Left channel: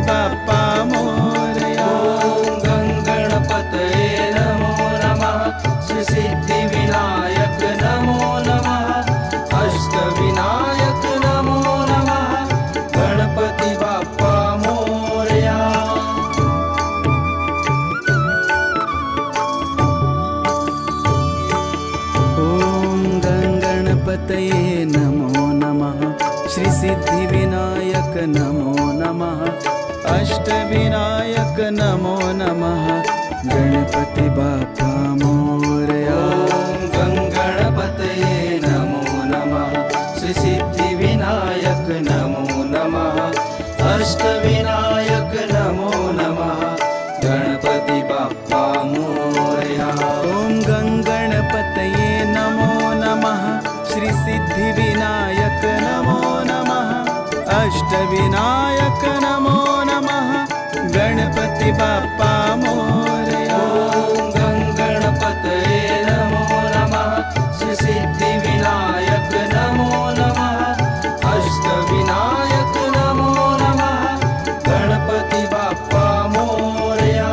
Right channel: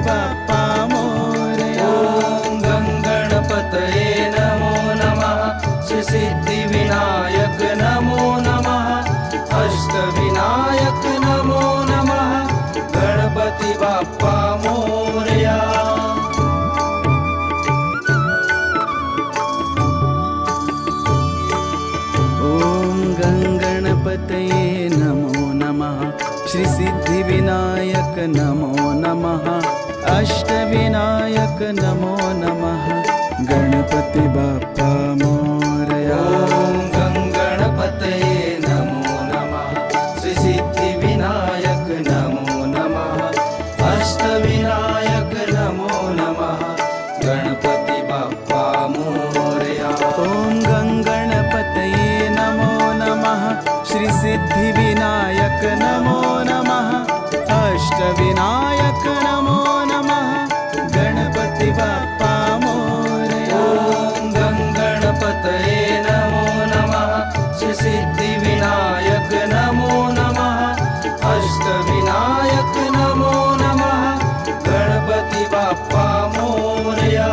बाप्पा मोरया। ॐ गणपतये नमो नमः। श्री सिद्धिविनायक नमो नमः। अष्टविनायक नमो नमः। गणपति बाप्पा मोरया। अष्टविनायक नमो नमः। गणपति बाप्पा मोरया। ॐ गणपतये नमो नमः। श्री सिद्धिविनायक नमो नमः। अष्टविनायक नमो नमः। गणपति बाप्पा मोरया। ॐ गणपतये नमो नमः। श्री सिद्धिविनायक नमो नमः। अष्टविनायक नमो नमः। गणपति बाप्पा मोरया। ॐ गणपतये नमो नमः। श्री सिद्धिविनायक नमो नमः। अष्टविनायक नमो नमः। गणपति बाप्पा मोरया।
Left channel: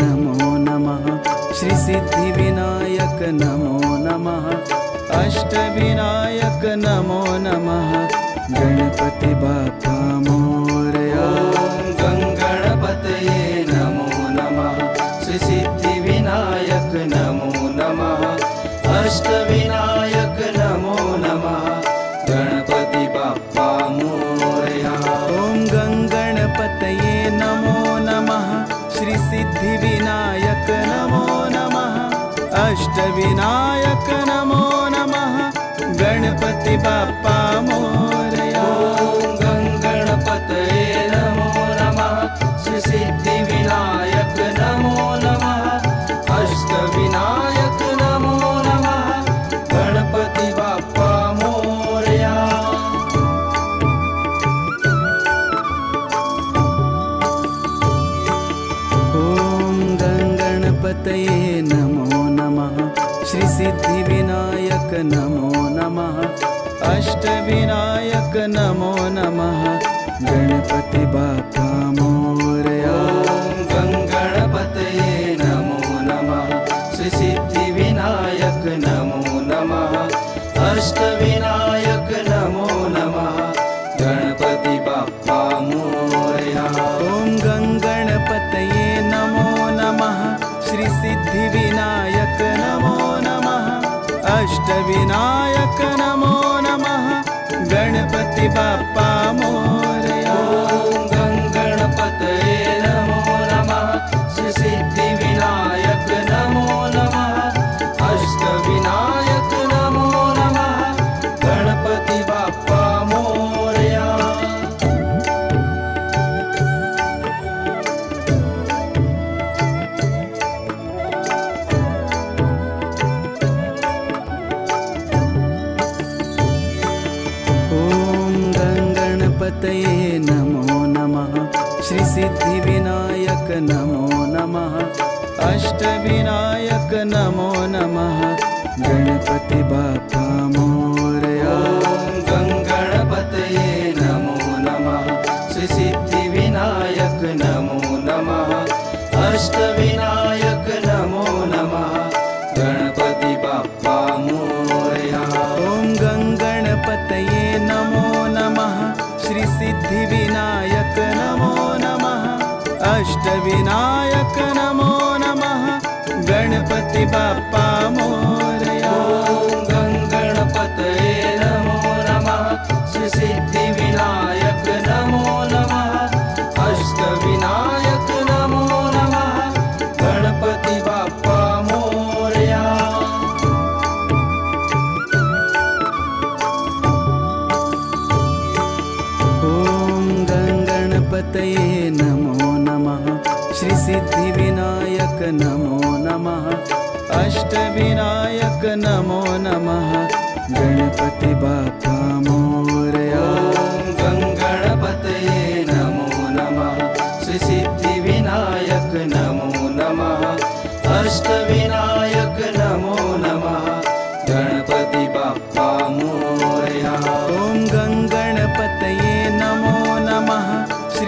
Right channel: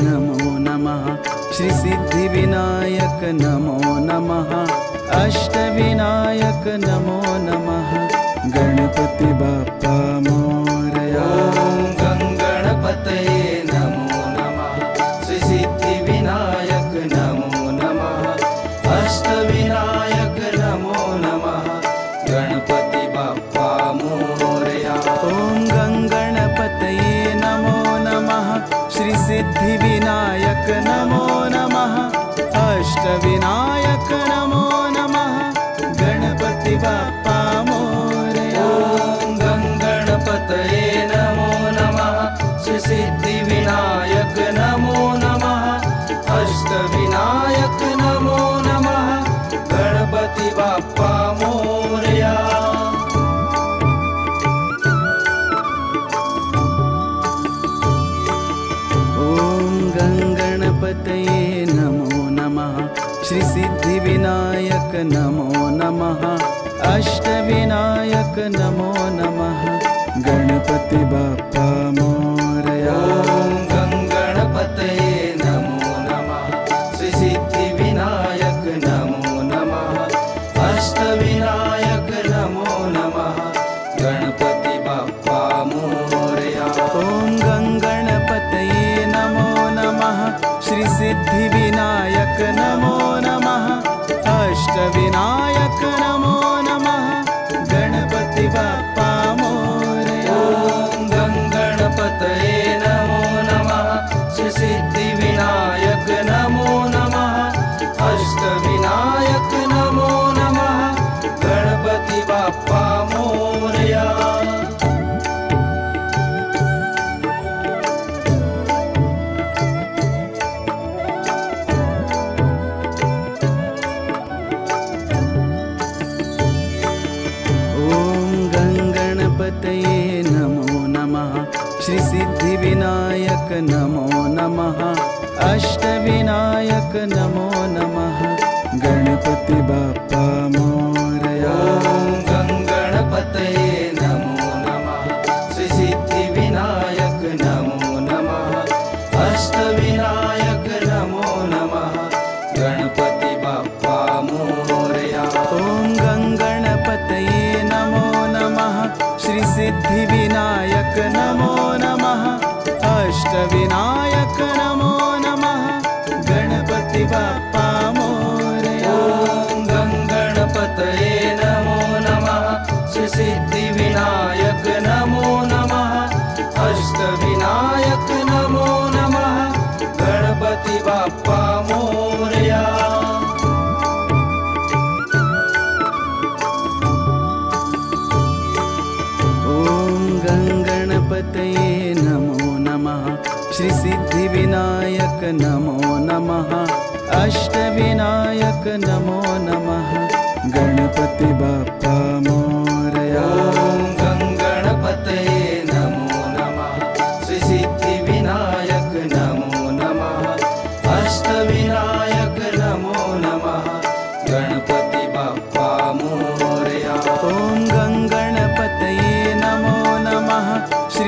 नमो नमः। श्री सिद्धिविनायक नमो नमः। अष्टविनायक नमो नमः। गणपति बाप्पा मोरया। ॐ गणपतये नमो नमः। श्री सिद्धिविनायक नमो नमः। अष्टविनायक नमो नमः। गणपति बाप्पा मोरया। ॐ गणपतये नमो नमः। श्री सिद्धिविनायक नमो नमः। अष्टविनायक नमो नमः। गणपति बाप्पा मोरया। ॐ गणपतये नमो नमः। श्री सिद्धिविनायक नमो नमः। अष्टविनायक नमो नमः। गणपति बाप्पा मोरया। ॐ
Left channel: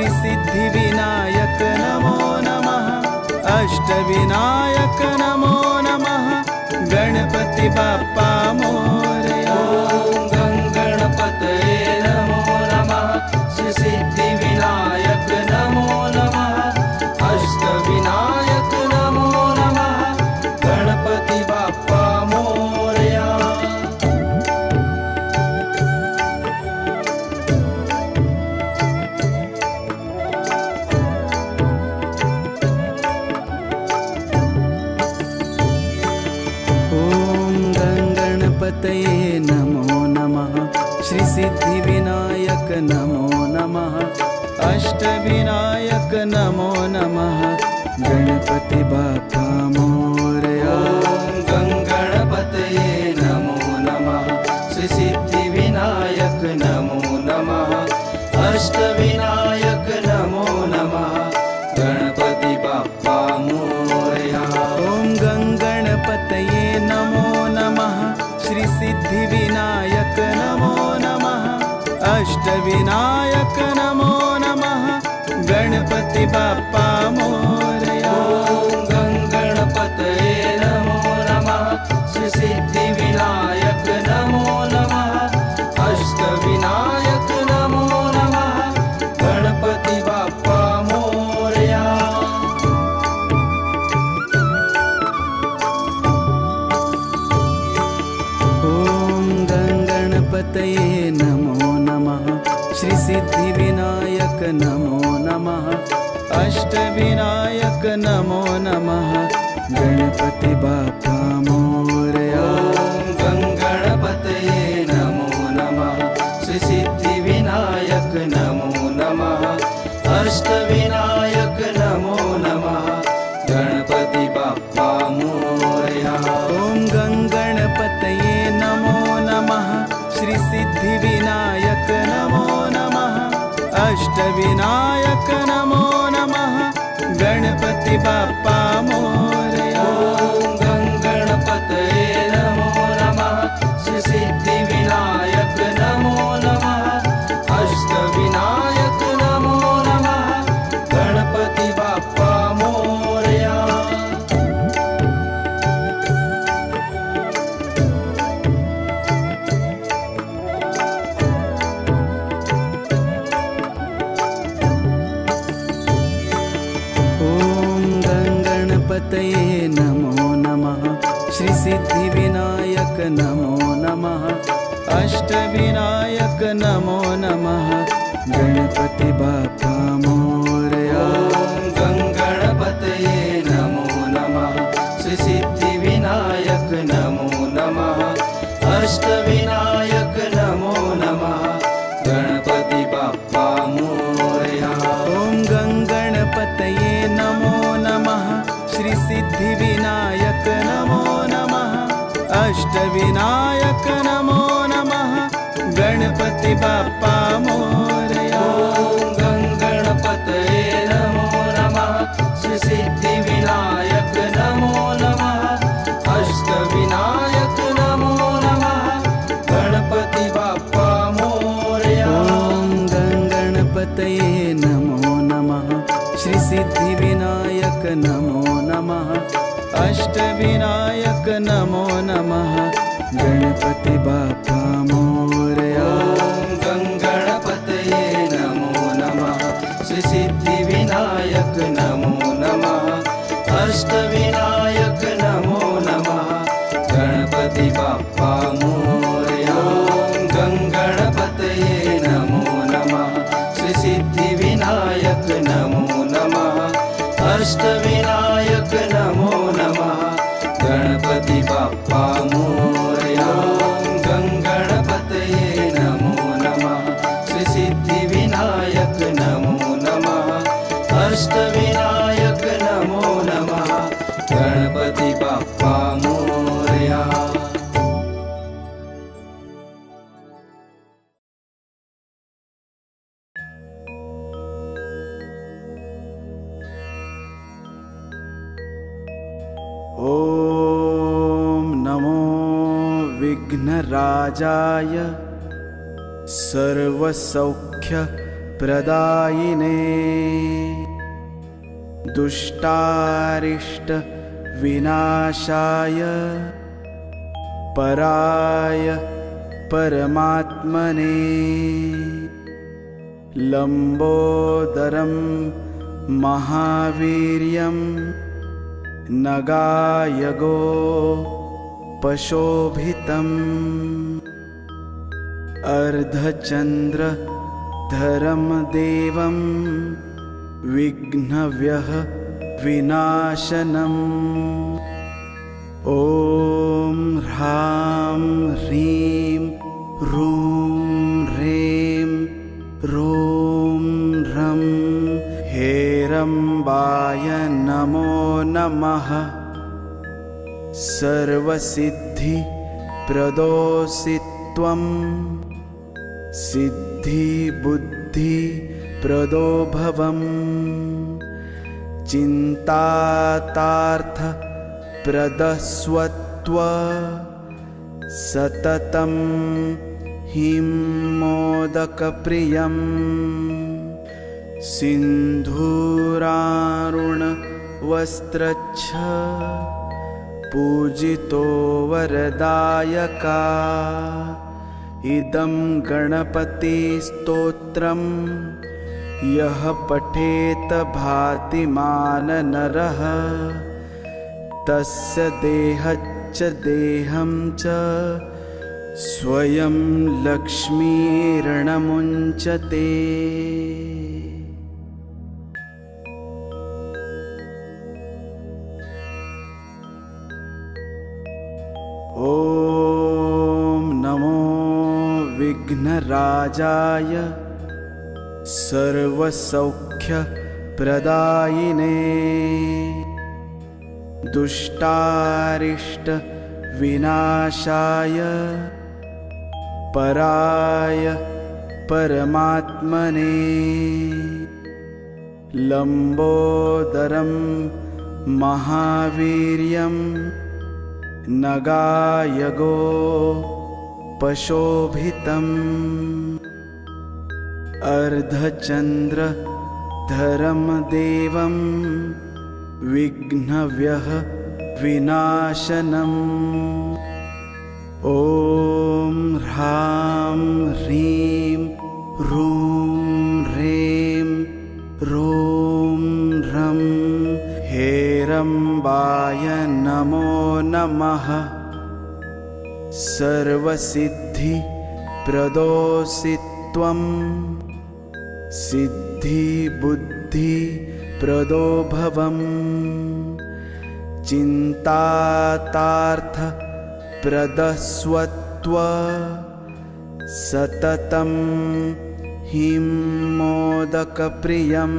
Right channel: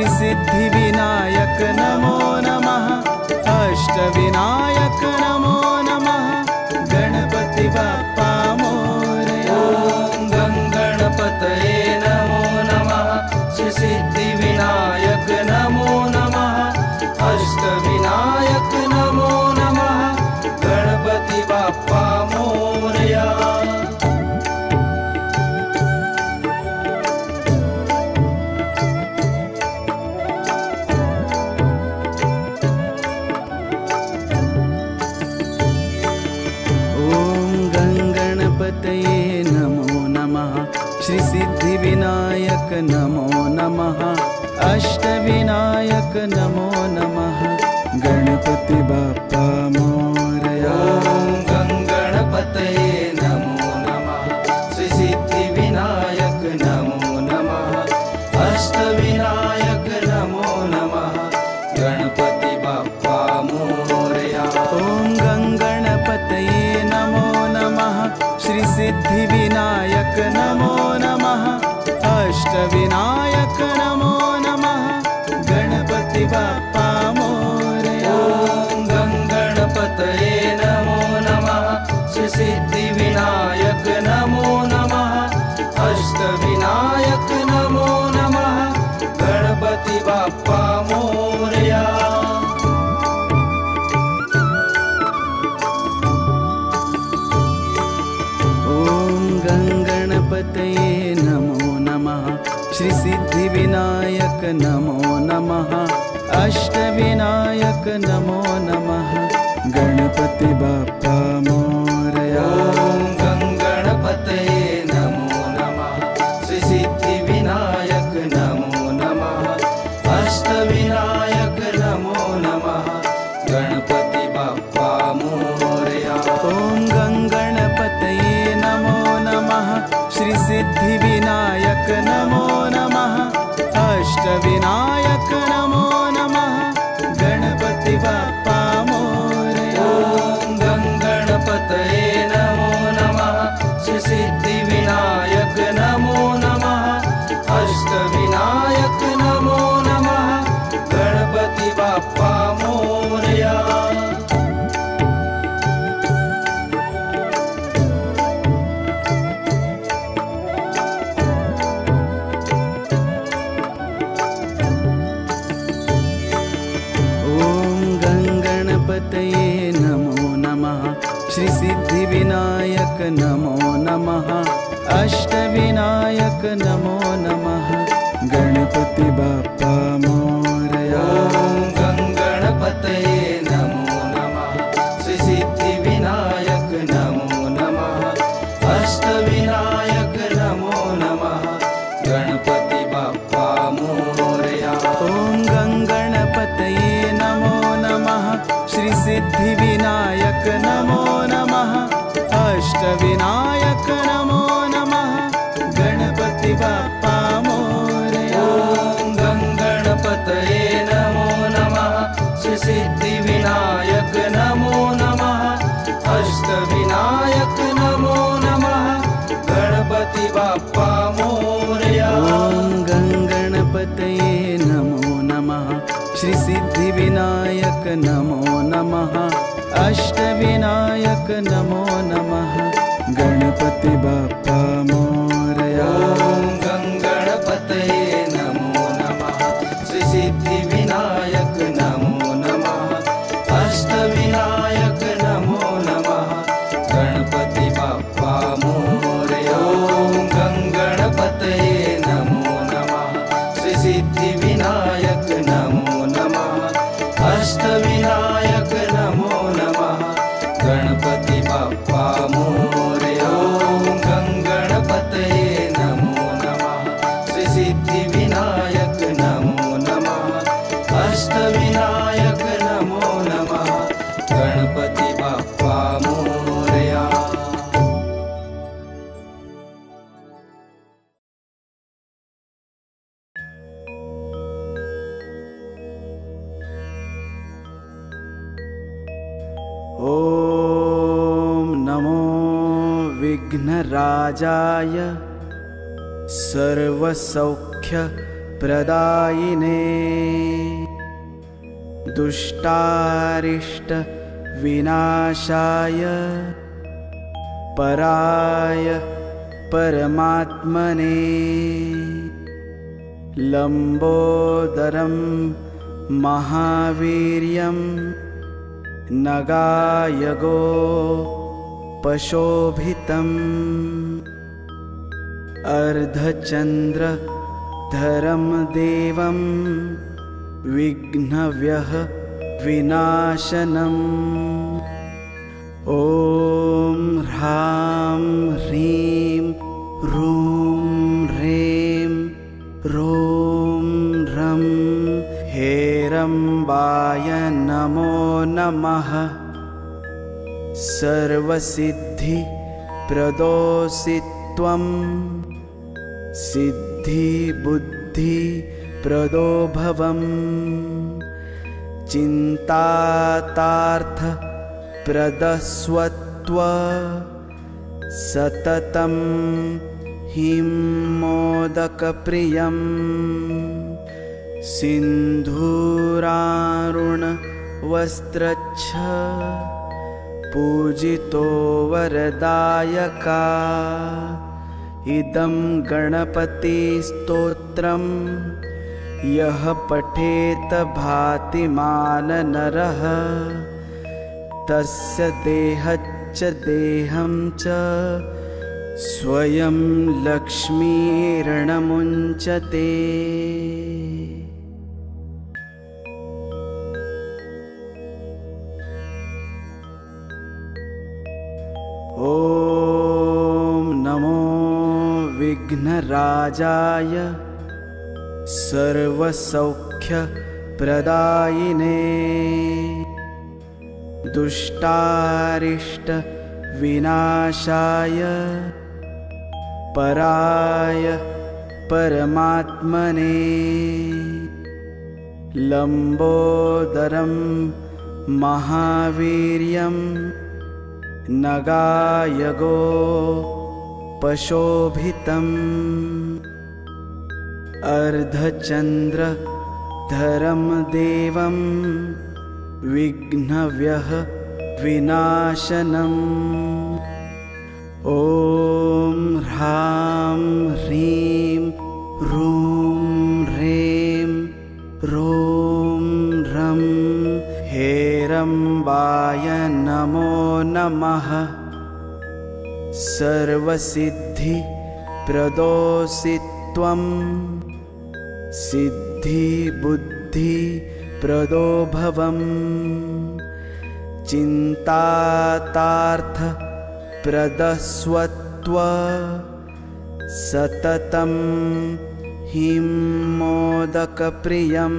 श्री सिद्धि विनायक नमो नमः। अष्टविनायक नमो नमः। गणपति बाप्पा मोरया। ॐ गणपतये नमो नमः। श्री सिद्धि विनायक नमो नमः। अष्टविनायक नमो नमः। गणपति बाप्पा मोरया। अष्टविनायक नमो नमः। गणपति बाप्पा मोरया। ॐ गणपतये नमो नमः। श्री सिद्धि विनायक नमो नमः। अष्टविनायक नमो नमः। गणपति बाप्पा मोरया। ॐ गणपतये नमो नमः। श्री सिद्धि विनायक नमो नमः। अष्टविनायक नमो नमः। गणपति बाप्पा मोरया। ॐ गणपतये नमो नमः। श्री सिद्धि विनायक नमो नमः। अष्टविनायक नमो नमः। गणपति बाप्पा मोरया। गणपतये नमो नमः। श्री सिद्धि विनायक नमो नमः। अष्टविनायक नमो नमः। गणपति बाप्पा मोरया। ॐ गणपतये नमो नमः। श्री सिद्धि विनायक नमो नमः। अष्टविनायक नमो नमः। गणपति बाप्पा मोरया। ॐ गणपतये नमो नमः। श्री सिद्धि विनायक नमो नमः। अष्टविनायक नमो नमः। गणपति बाप्पा मोरया। ॐ गणपतये नमो नमः। श्री सिद्धि विनायक नमो नमः। अष्टविनायक नमो नमः। गणपति बाप्पा मोरया। गणपतये नमो नमः। श्री सिद्धि विनायक नमो नमः। अष्टविनायक नमो नमः। गणपति बाप्पा मोरया। ॐ गणपतये नमो नमः। श्री सिद्धि विनायक नमो नमः। अष्टविनायक नमो नमः। गणपति बाप्पा मोरया। ॐ गणपतये नमो नमः। श्री सिद्धि विनायक नमो नमः। अष्टविनायक नमो नमः। गणपति बाप्पा मोरया। ॐ गणपतये नमो नमः। श्री सिद्धि विनायक नमो नमः। अष्टविनायक नमो नमः। गणपति बाप्पा मोरया। गणपतये नमो नमः। श्री सिद्धि विनायक नमो नमः। अष्टविनायक नमो नमः। गणपति बाप्पा मोरया। ॐ गणपतये नमो नमः। श्री सिद्धि विनायक नमो नमः। अष्टविनायक नमो नमः। गणपति बाप्पा मोरया। ॐ गणपतये नमो नमः। श्री सिद्धि विनायक नमो नमः। अष्टविनायक नमो नमः। गणपति बाप्पा मोरया। ॐ गणपतये नमो नमः। श्री सिद्धि विनायक नमो नमः। अष्टविनायक नमो नमः। गणपति बाप्पा मोरया। ॐ नमो विघ्नराजाय सर्वसौख्य प्रदायिने दुष्टारिष्ट विनाशाय पराय परमात्मने लंबोदरं महावीर्यं नगायगो पशोभितम् अर्धचन्द्रधरं देवं विघ्नव्यः विनाशनम् ॐ ह्रां ह्रीं ह्रूं ह्रें ह्रूं ह्रं हेरम्बाय नमो नमः। सर्वसिद्धिप्रदोऽसि त्वं सिद्धिबुद्धिप्रदो भवम् चिन्तातार्थप्रदस्वत्व सततं हिं मोदकप्रियं सिन्धूरारुणवस्त्रच्छ पूजितो वरदायका इदं गणपतिस्तोत्रं यः पठेत भातिमान नरः तस्य देहच्च देहं च स्वयं लक्ष्मीर्णमुञ्चते। ॐ नमो विघ्नराजाय सर्वसौख्यप्रदायिने दुष्टारिष्ट विनाशाय पराय परमात्मने लंबोदरं महावीर्यं नगायगो पशोभितम् अर्धचन्द्रधरं देवं विघ्नव्यः विनाशनम् ॐ ह्रां ह्रीं ह्रूं ह्रें ह्रूं ह्रं हेरम्बाय नमो नमः। सर्वसिद्धिप्रदोऽसि त्वं सिद्धिबुद्धिप्रदो भवम् चिन्तातार्थप्रदस्वत्व सततं हिं मोदकप्रियं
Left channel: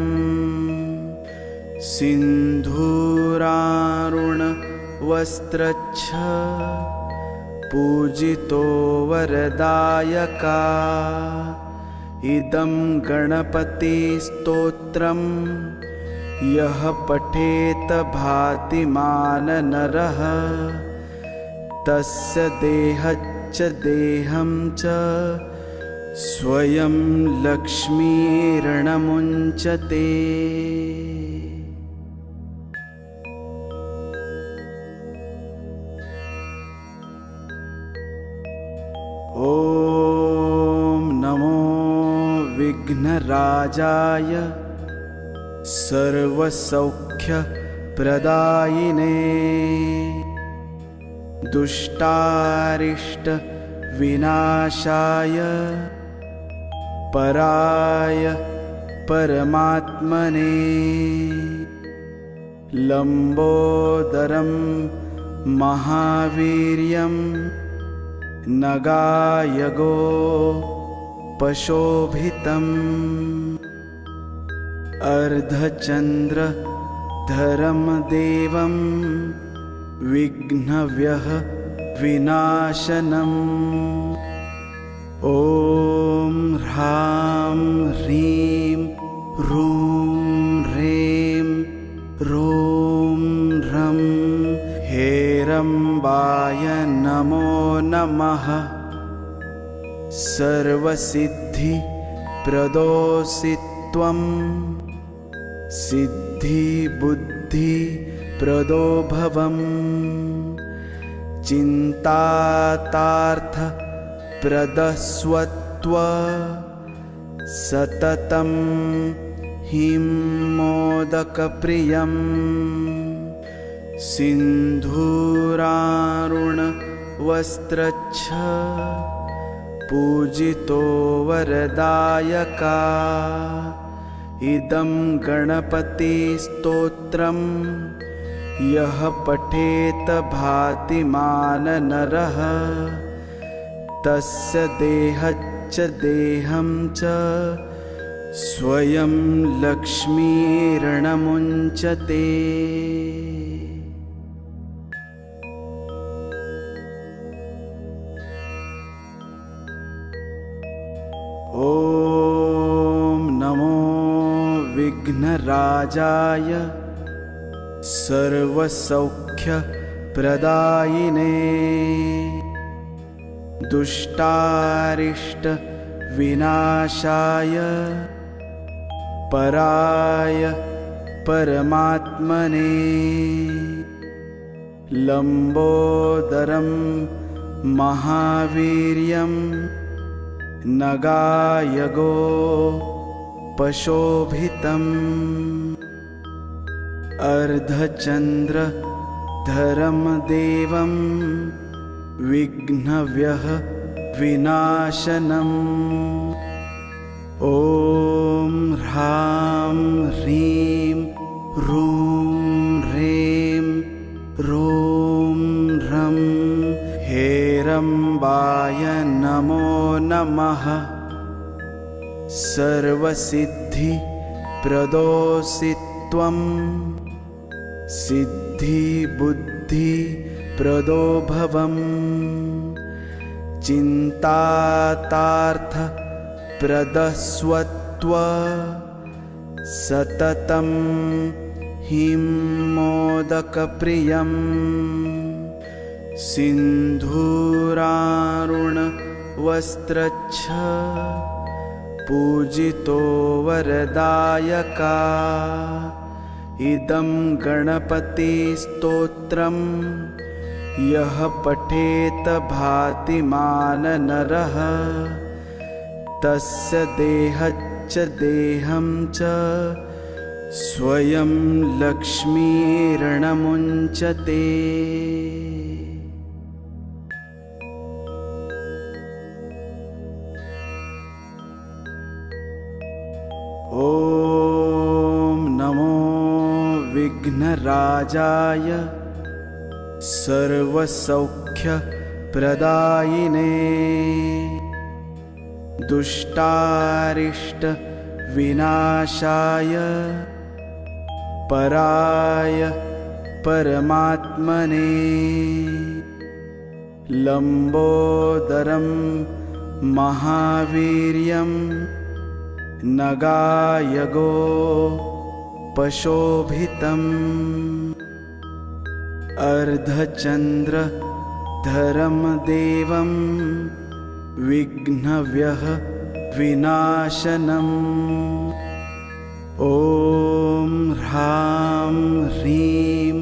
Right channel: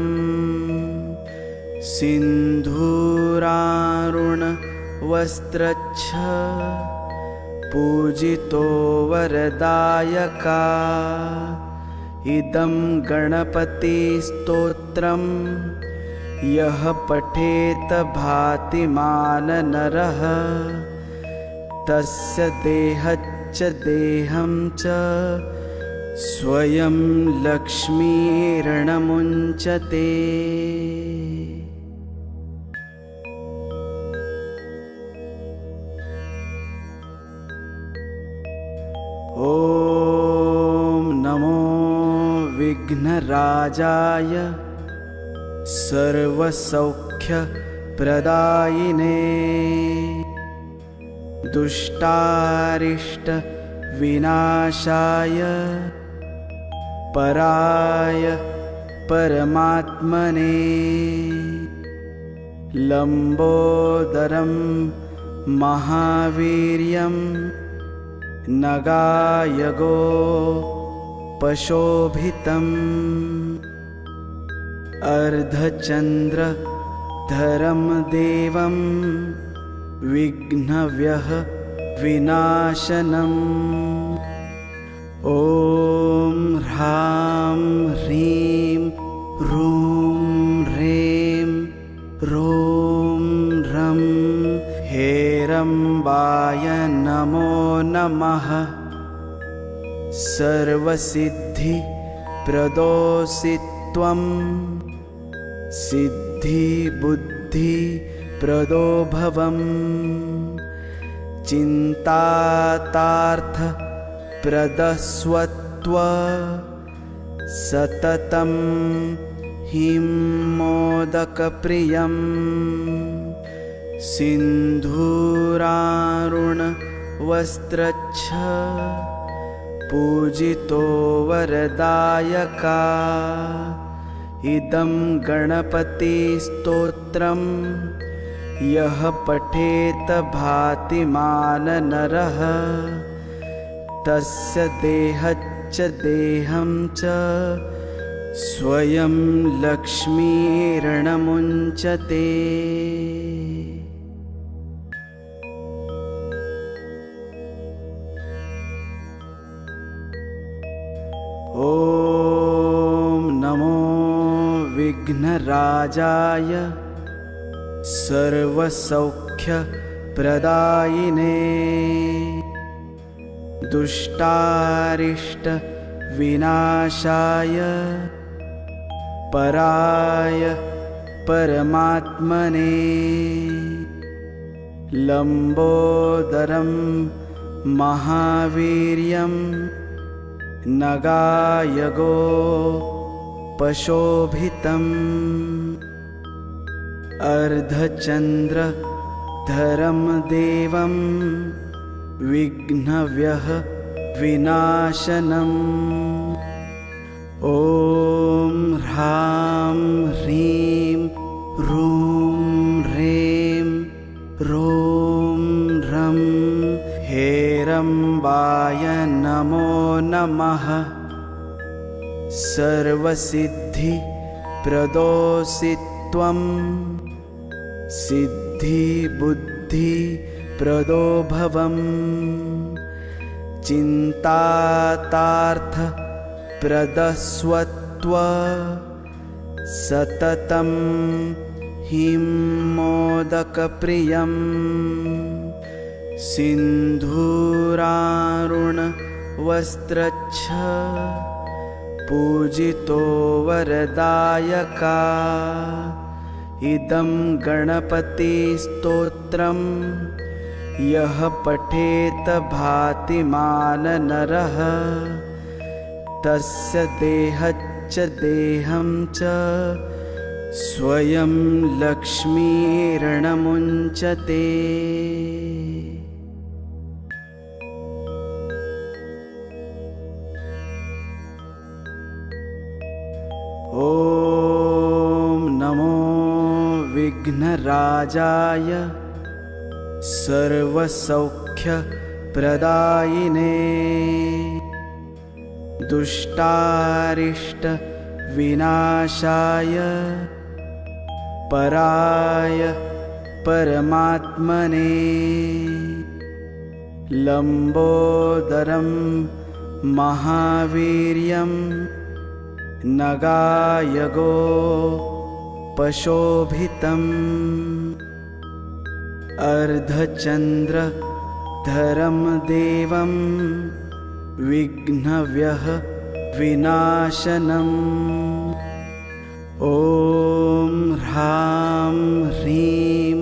सिन्धूरारुणवस्त्रच्छ पूजितो वरदायका इदं गणपतिस्तोत्रं यः पठेत भातिमान नरः तस्य देहच्च देहं च स्वयं लक्ष्मीर्णमुञ्चते। ॐ नमो विघ्नराजाय सर्वसौख्यप्रदायिने दुष्टारिष्ट विनाशाय पराय परमात्मने लंबोदरं महावीर्यं नगायगो पशोभितम् अर्धचन्द्रधरं देवं विघ्नव्यः विनाशनम् ॐ ह्रां ह्रीं ह्रूं ह्रें ह्रूं ह्रं हेरम्बाय नमो नमः। सर्वसिद्धि प्रदोषि त्वं सिद्धि बुद्धि प्रदो भवम् चिन्तातार्थ प्रदस्वत्व सततं हिं मोदकप्रियम् सिन्धूरारुण वस्त्रच्छ पूजितो वरदायका इदं गणपति स्तोत्रम् यः पठेत भातिमान नरः तस्य देहच्च देहं च स्वयं लक्ष्मीर्णमुञ्चते। ॐ नमो विघ्नराजाय सर्वसौख्यप्रदायिने दुष्टारिष्ट विनाशाय पराय परमात्मने लंबोदरं महावीर्यं नगायगो पशोभितम् अर्धचन्द्रधरं देवं विघ्नव्यः विनाशनम् ॐ ह्रां ह्रीं ह्रूं ह्रें ह्रूं ह्रं हेरम्बाय नमो नमः। सर्वसिद्धि प्रदोषि त्वं सिद्धि बुद्धि प्रदो भवम् चिन्तातार्थ प्रदस्वत्व सततं हिं मोदकप्रियम् सिन्धूरारुण वस्त्रच्छ पूजितो वरदायका इदं गणपति स्तोत्रम् यः पठेत भातिमान नरः तस्य देहच्च देहं च स्वयं लक्ष्मीर्णमुञ्चते। ॐ नमो विघ्नराजाय सर्वसौख्यप्रदायिने दुष्टारिष्ट विनाशाय पराय परमात्मने लंबोदरं महावीर्यं नगायगो पशोभितम् अर्धचन्द्रधरं देवं विघ्नव्यः विनाशनम् ॐ ह्रां ह्रीं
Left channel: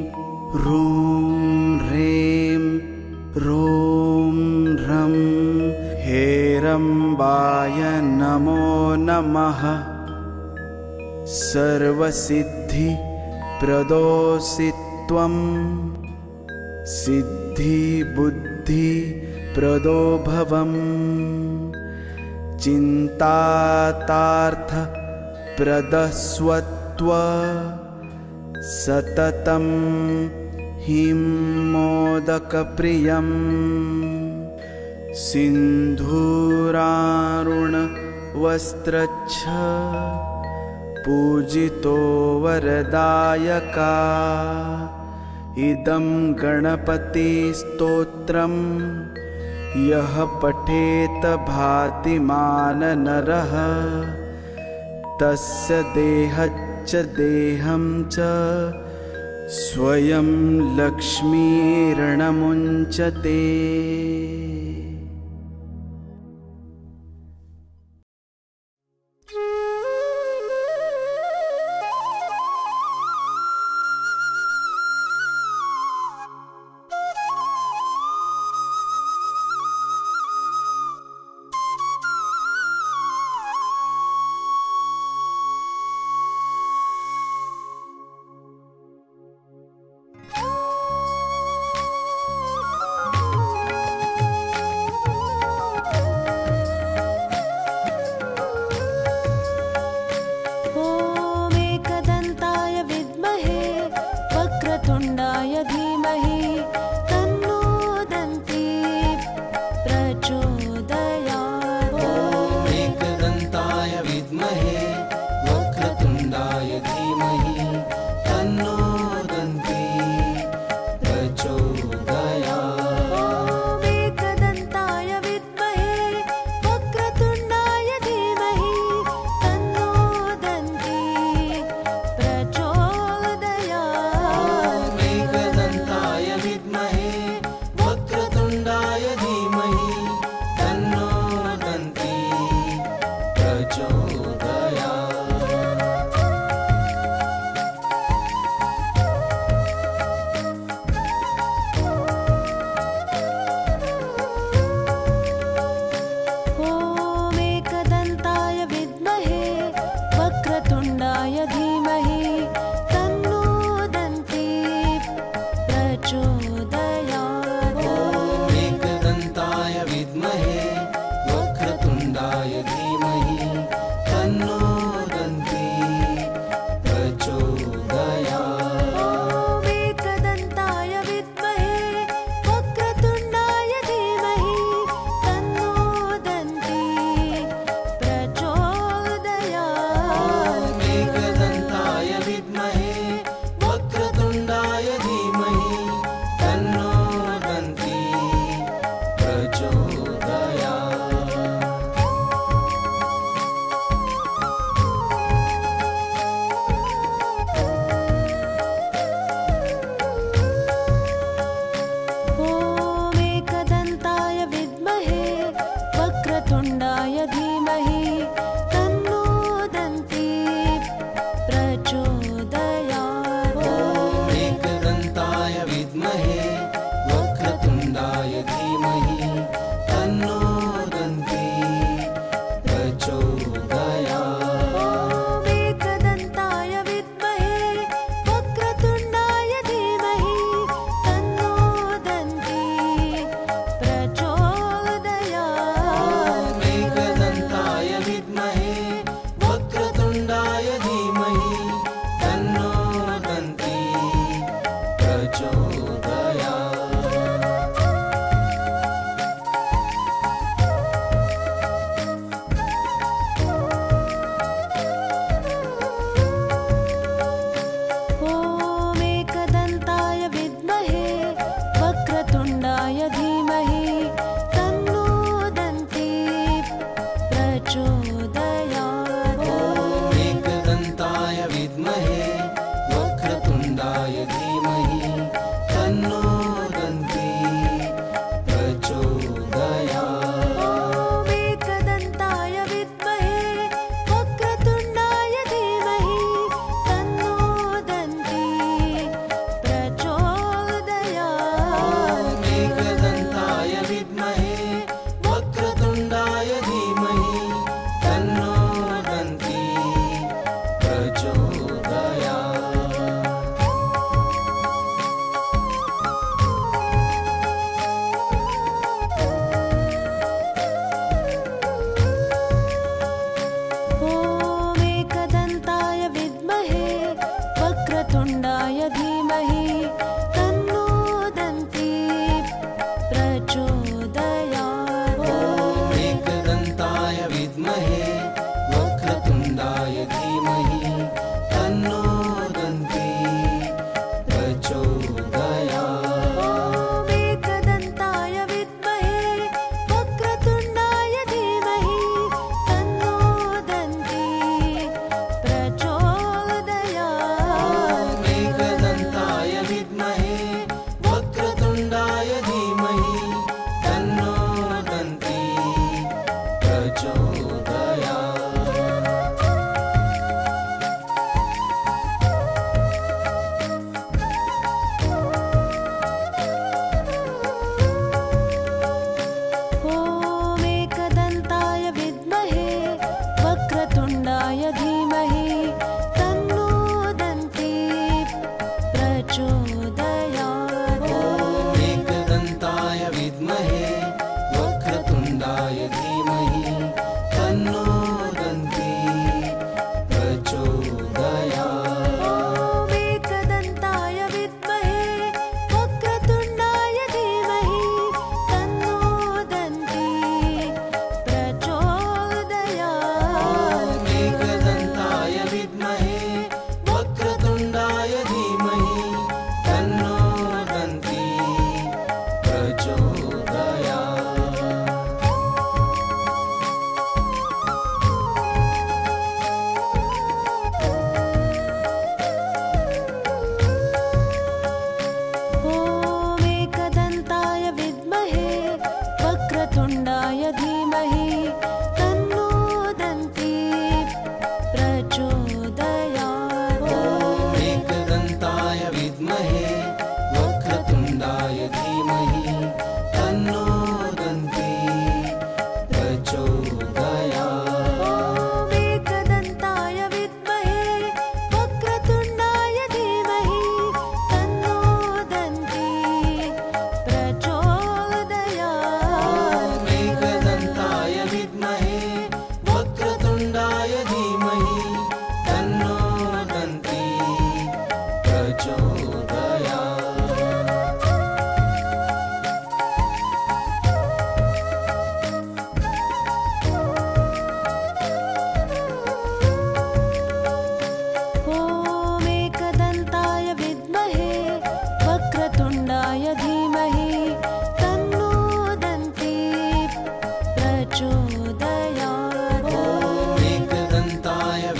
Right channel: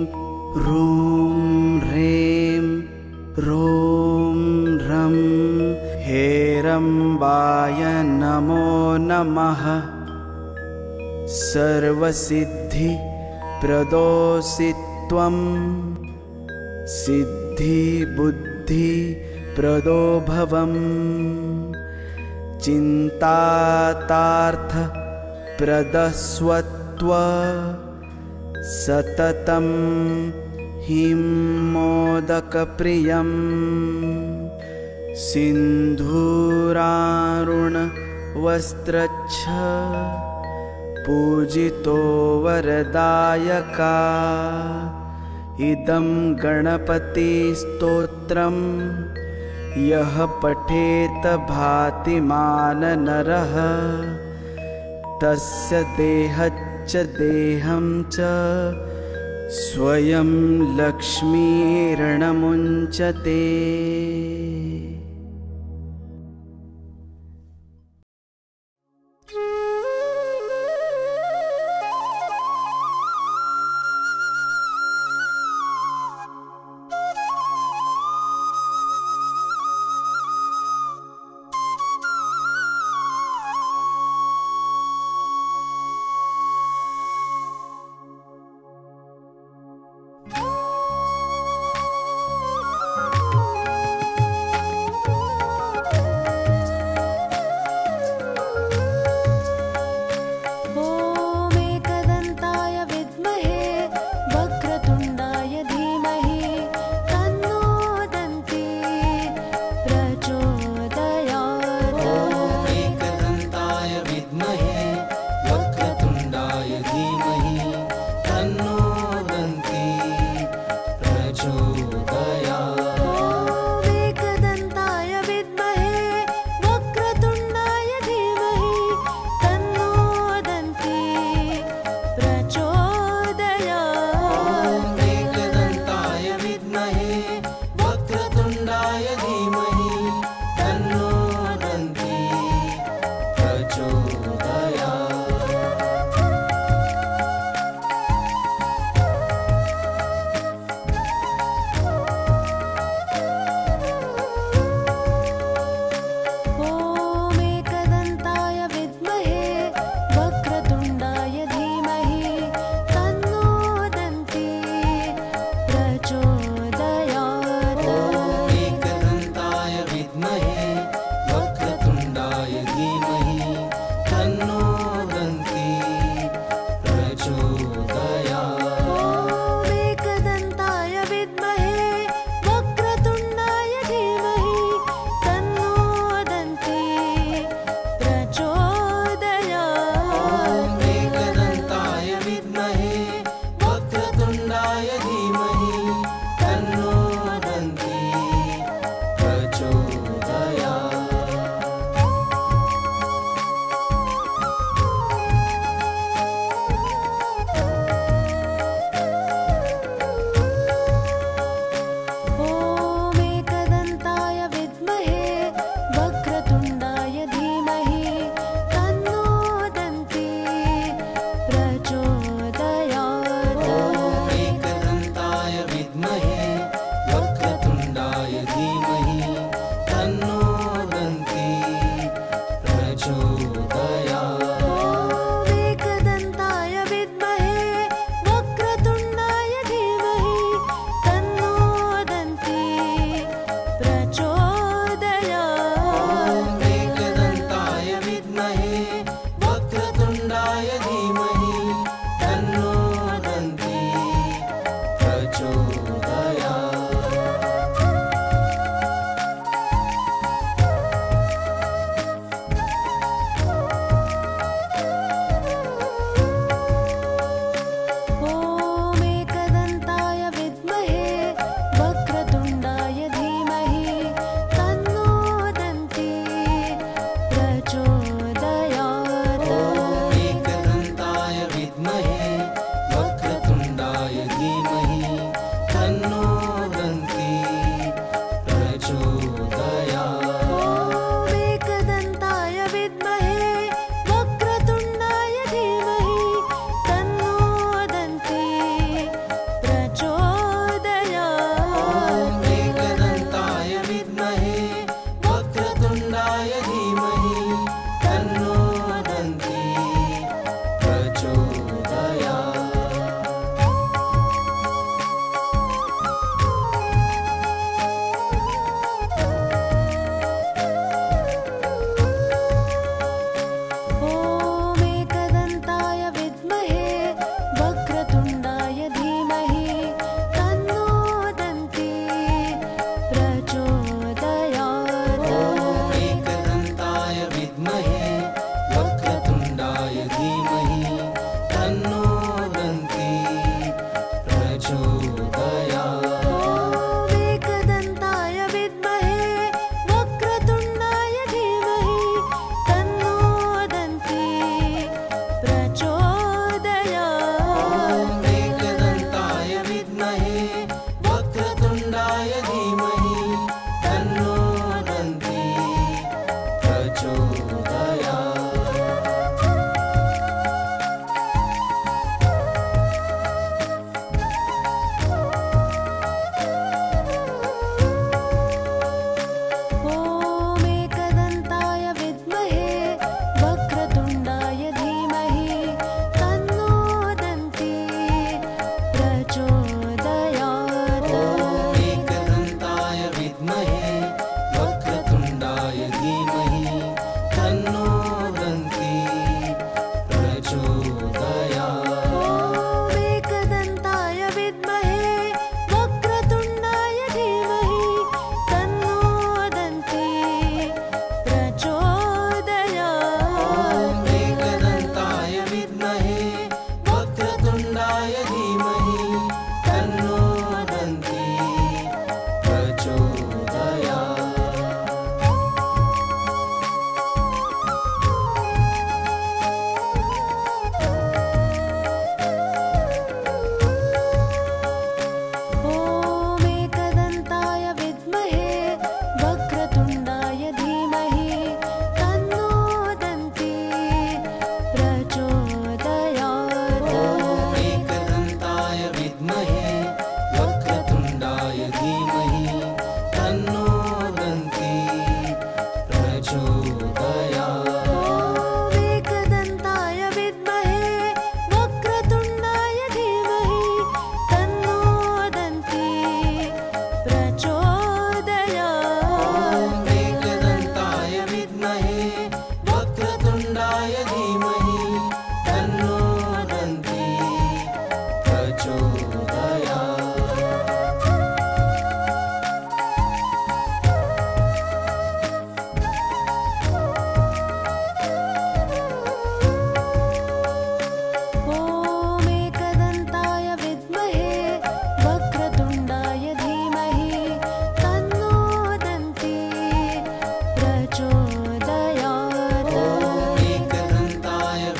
ह्रूं ह्रें ह्रूं ह्रं हेरम्बाय नमो नमः। सर्वसिद्धि प्रदोषि त्वं सिद्धि बुद्धि प्रदो भवम् चिन्तातार्थ प्रदस्वत्व सततं हिं मोदकप्रियम् सिन्धूरारुण वस्त्रच्छ पूजितो वरदायका इदं गणपति स्तोत्रम् यः पठेत भातिमान नरः तस्य देहच्च देहं च स्वयं लक्ष्मीर्णमुञ्चते।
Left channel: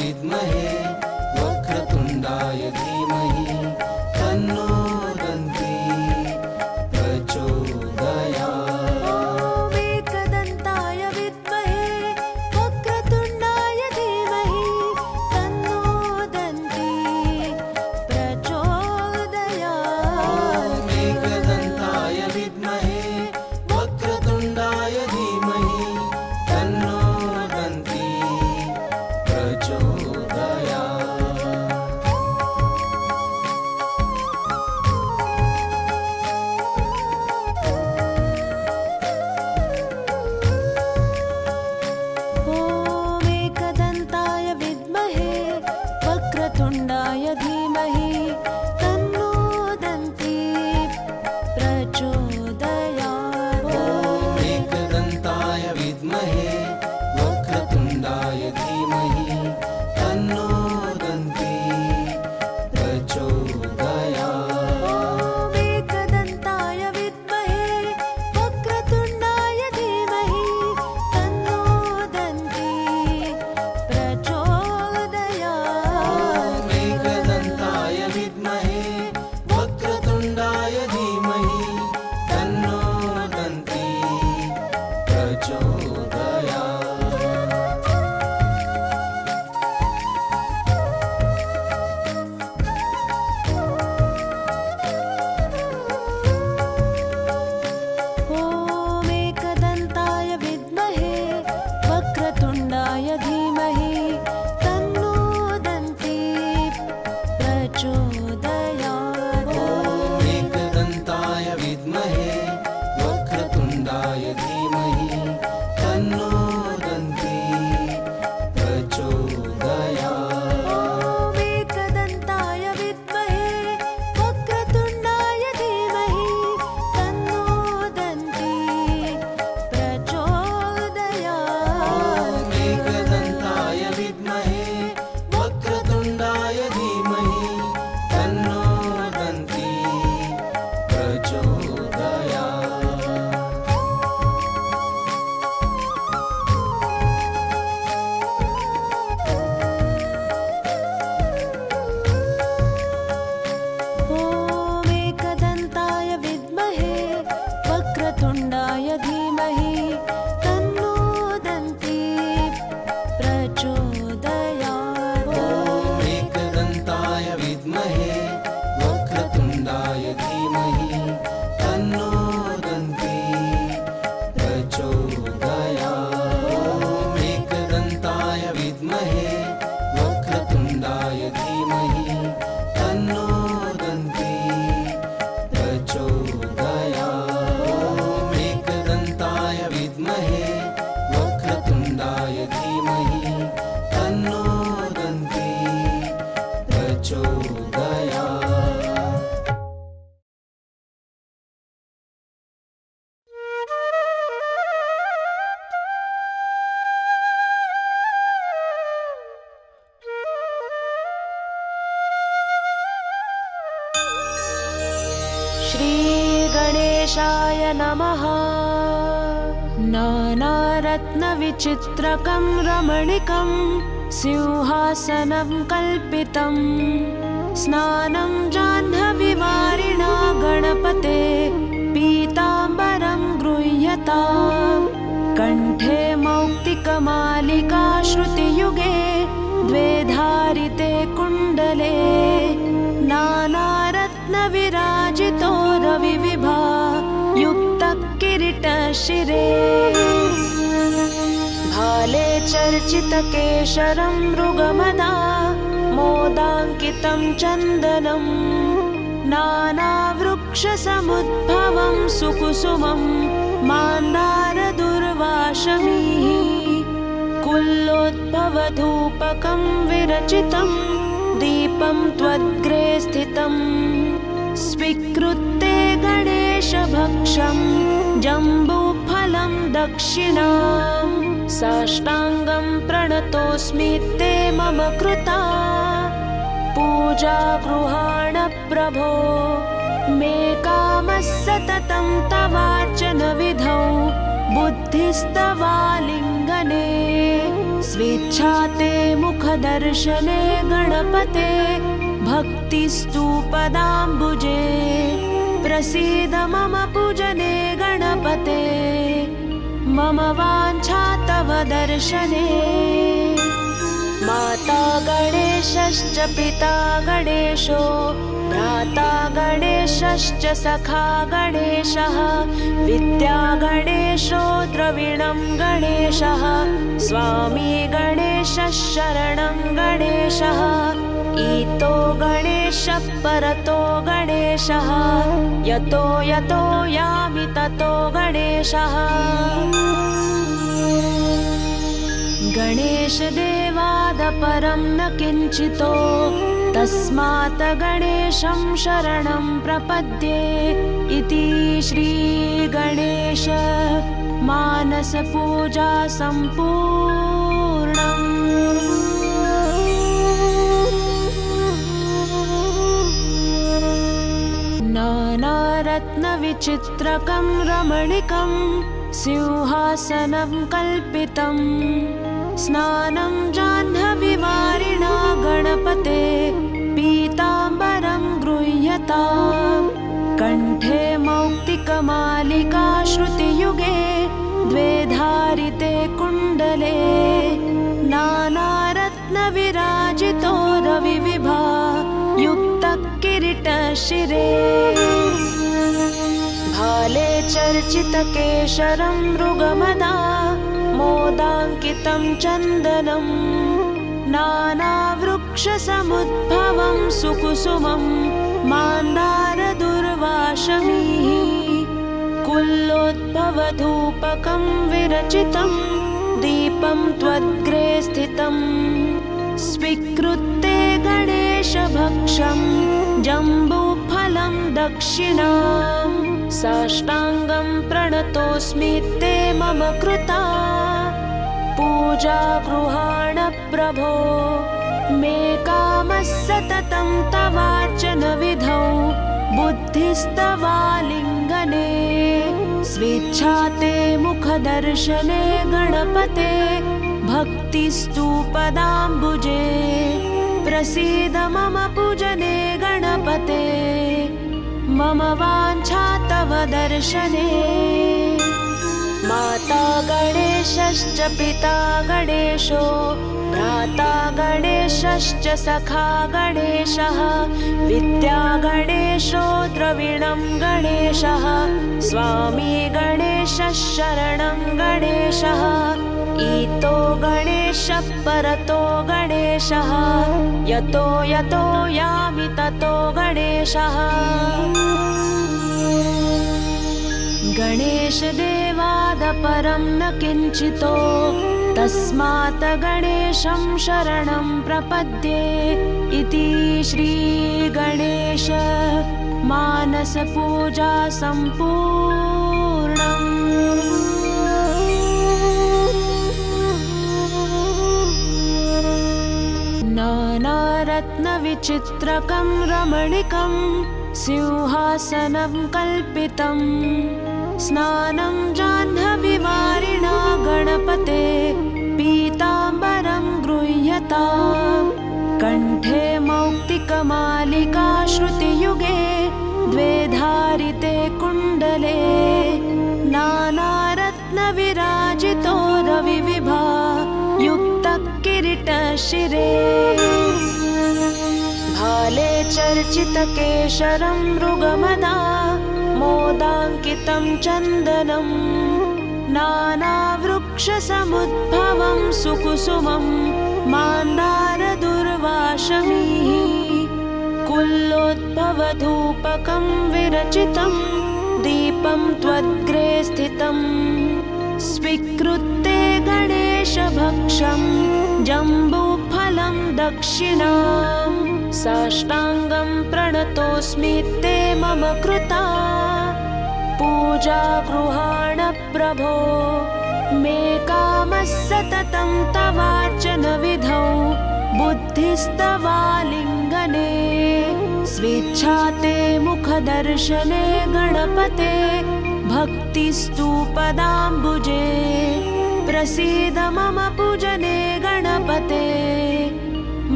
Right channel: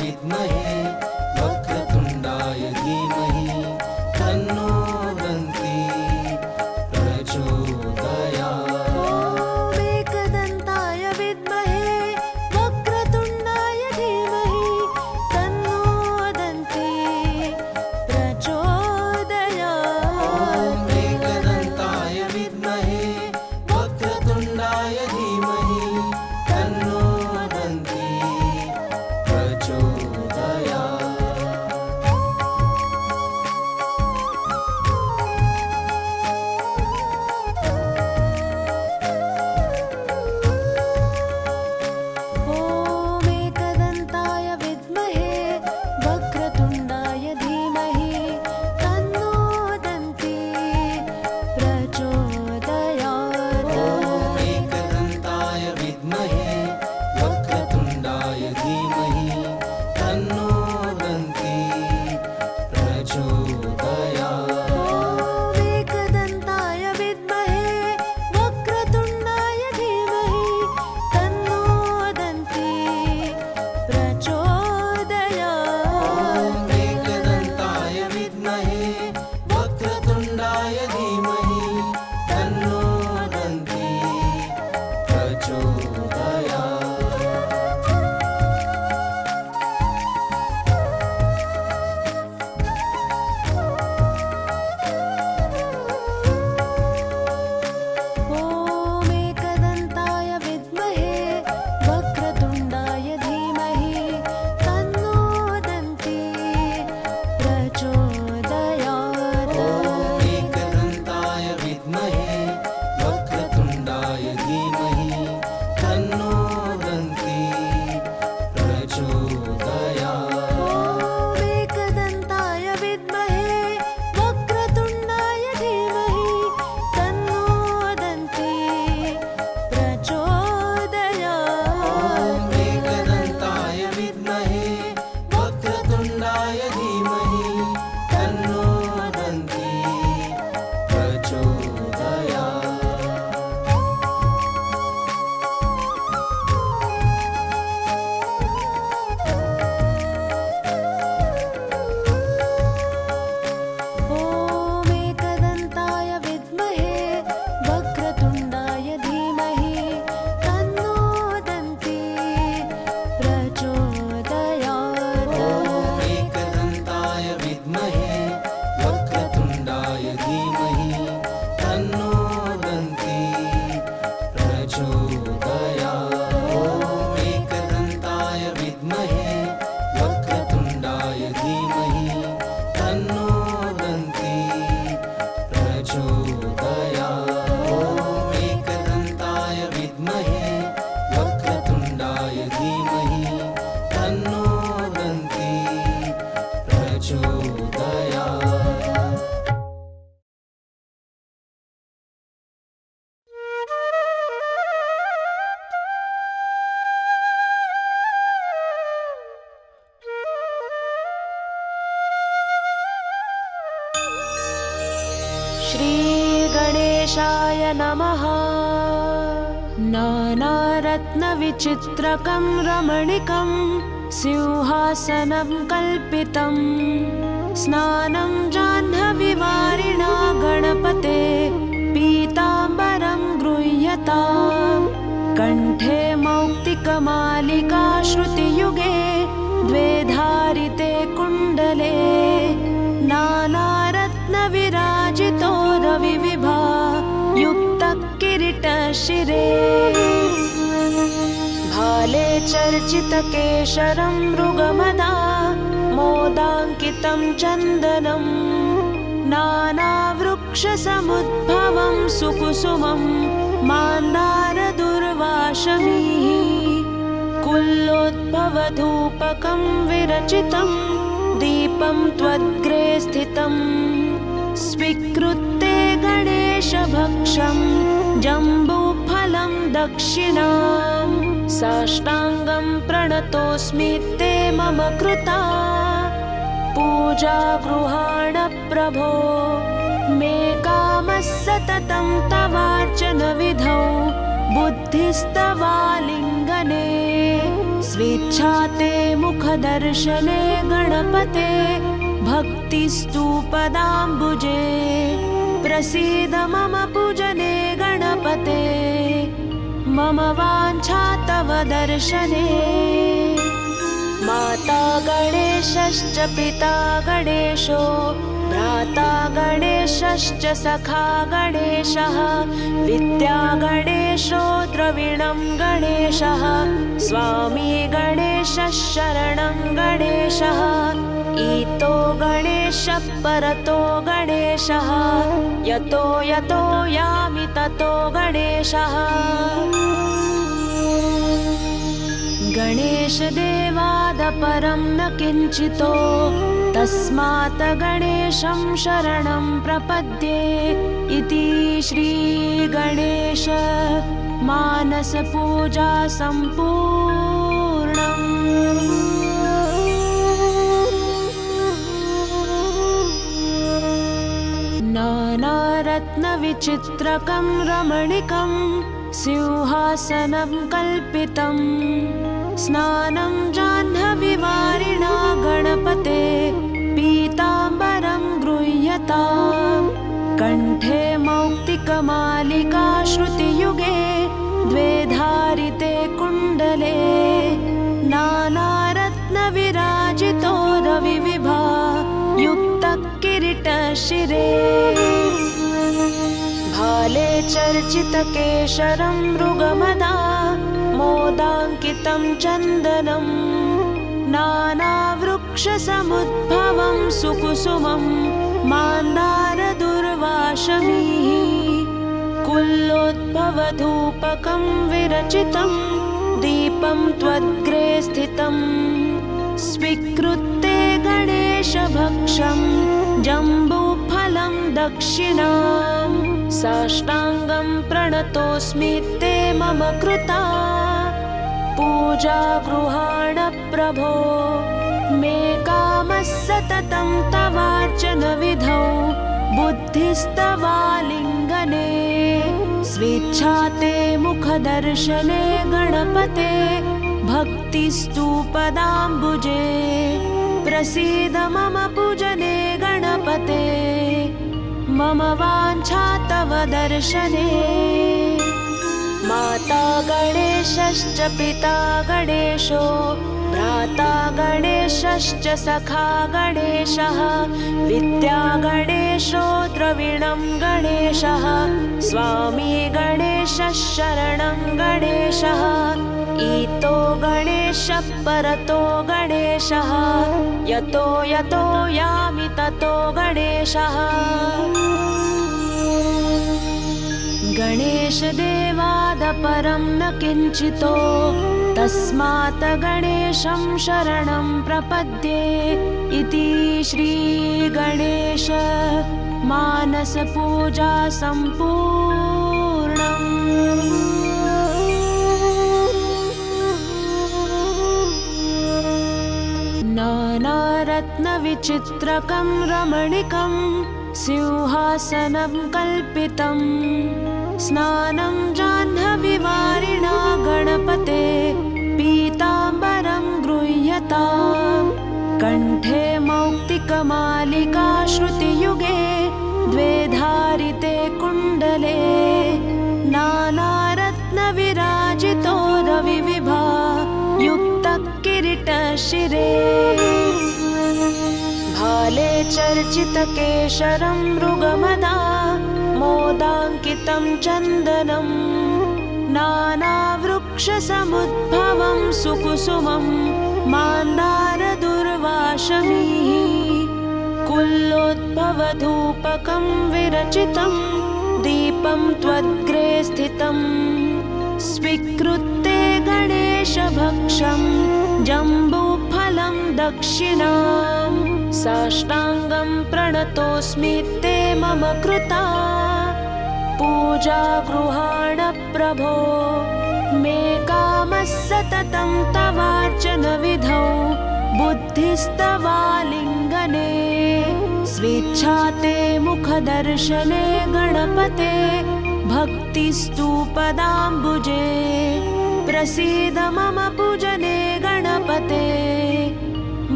विद्महे वक्रतुण्डाय धीमहि तन्नो दन्ती प्रचोदयात्। ॐ एकदन्ताय विद्महे वक्रतुण्डाय धीमहि तन्नो दन्ती प्रचोदयात्। श्रीगणेशाय नमः। नानारत्नविचित्रकं रमणीकं सिंहासनं कल्पितं स्नानं जाह्नवीवारिणा गणपते पीताम्बरं गृह्यताम्। कण्ठे मौक्तिकमालिका श्रुतियुगे द्वे धारिते कुण्डले नानारत्नविराजितो रविविभा युक्तः किरीटशिरे। भाले चर्चितकेशरं मृगमदा मोदाङ्कितं चन्दनं नानावृक्षसमुद्भवं सुकुसुमं मान्दारदुर्वाशमीः। कुल्लोद्भवधूपकं विरचितं दीपं त्वद्ग्रे स्थितं स्वीकृत्य गणेशभक्षं जम्बूफलं दक्षिणां साष्टाङ्गं प्रणतोऽस्मि ते मम कृता पूजा गृहाण प्रभो। मे कामः सततं तवार्चन विधौ बुद्धिस्तवालिङ्गने स्वेच्छा ते मुखदर्शने गणपते भक्तिस्तु पदाम्बुजे। प्रसीद मम पूजने गणपते मम वाञ्छा तव दर्शने। माता गणेशश्च पिता गणेशो भ्राता गणेशश्च सखा गणेशः विद्या गणेशो द्रविणं गणेशः स्वामी गणेशः शरणं गणेशः ईतो गणेशः परतो गणेशः यतो यतो यामि ततो गणेशः। गणेशदेवादपरं न किञ्चितो तस्मात् गणेशं शरणं प्रपद्ये इति श्रीगणेश मानसपूजा सम्पूर्णम्। नानारत्नविचित्रकं रमणीकं सिंहासनं कल्पितं स्नानं जाह्नवीवारिणा गणपते पीताम्बरं गृह्यताम्। कण्ठे मौक्तिकमालिका श्रुतियुगे द्वे धारिते कुण्डले नानारत्नविराजितो रविविभा युक्तः किरीटशिरे। भाले चर्चितकेशरं मृगमदा मोदाङ्कितं चन्दनं नानावृक्षसमुद्भवं सुकुसुमं मान्दारदुर्वाशमीः। कुल्लोद्भवधूपकं विरचितं दीपं त्वद्ग्रे स्थितं स्वीकृत्य गणेशभक्षं जम्बूफलं दक्षिणां साष्टाङ्गं प्रणतोऽस्मि ते मम कृता पूजा गृहाण प्रभो। मे कामः सततं तवार्चन विधौ बुद्धिस्तवालिङ्गने स्वेच्छा ते मुखदर्शने गणपते भक्तिस्तु पदाम्बुजे। प्रसीद मम पूजने गणपते मम वाञ्छा तव दर्शने। माता गणेशश्च पिता गणेशो भ्राता गणेशश्च सखा गणेशः विद्या गणेशो द्रविणं गणेशः स्वामी गणेशः शरणं गणेशः ईतो गणेशः परतो गणेशः यतो यतो यामि ततो गणेशः गणेशदेवाद परं न किञ्चितो तस्मात् गणेशं शरणं प्रपद्ये इति श्रीगणेश मानसपूजा सम्पूर्णम्। नानारत्नविचित्रकं रमणीकं सिंहासनं कल्पितं स्नानं जाह्नवीवारिणा गणपते पीताम्बरं गृह्यताम् कण्ठे मौक्तिकमालिका श्रुतियुगे द्वे धारिते कुण्डले नानारत्नविराजितो रविविभा युक्तकिरीटशिरे भाले चर्चितकेशरं मृगमदा मोदाङ्कितं चन्दनं नानावृक्षसमुद्भवं सुकुसुमं मान्दारदुर्वाशमीः कुल्लोद्भवधूपकं विरचितं दीपं त्वद्ग्रे स्थितं स्वीकृत्य गणेशभक्षं जम्बूफलं दक्षिणां साष्टाङ्गं प्रणतोऽस्मि ते मम कृता पूजा गृहाण प्रभो मे कामः सततं तवार्चन विधौ बुद्धिस्तवालिङ्गने स्वेच्छा ते मुखदर्शने गणपते भक्तिस्तु पदाम्बुजे प्रसीद मम पूजने गणपते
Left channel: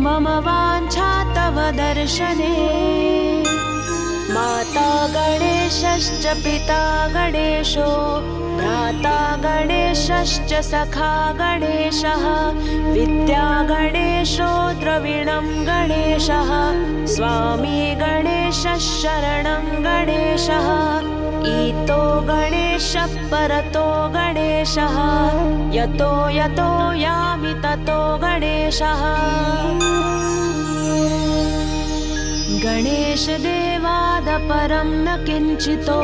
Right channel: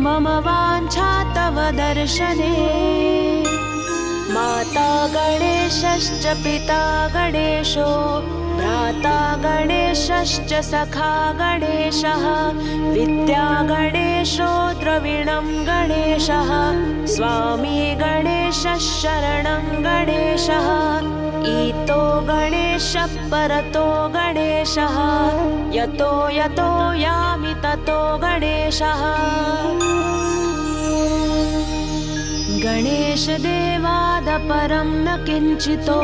मम वाञ्छा तव दर्शने माता गणेशश्च पिता गणेशो भ्राता गणेशश्च सखा गणेशः विद्या गणेशो द्रविणं गणेशः स्वामी गणेशः शरणं गणेशः ईतो गणेशः परतो गणेशः यतो यतो यामि ततो गणेशः गणेशदेवाद परं न किञ्चितो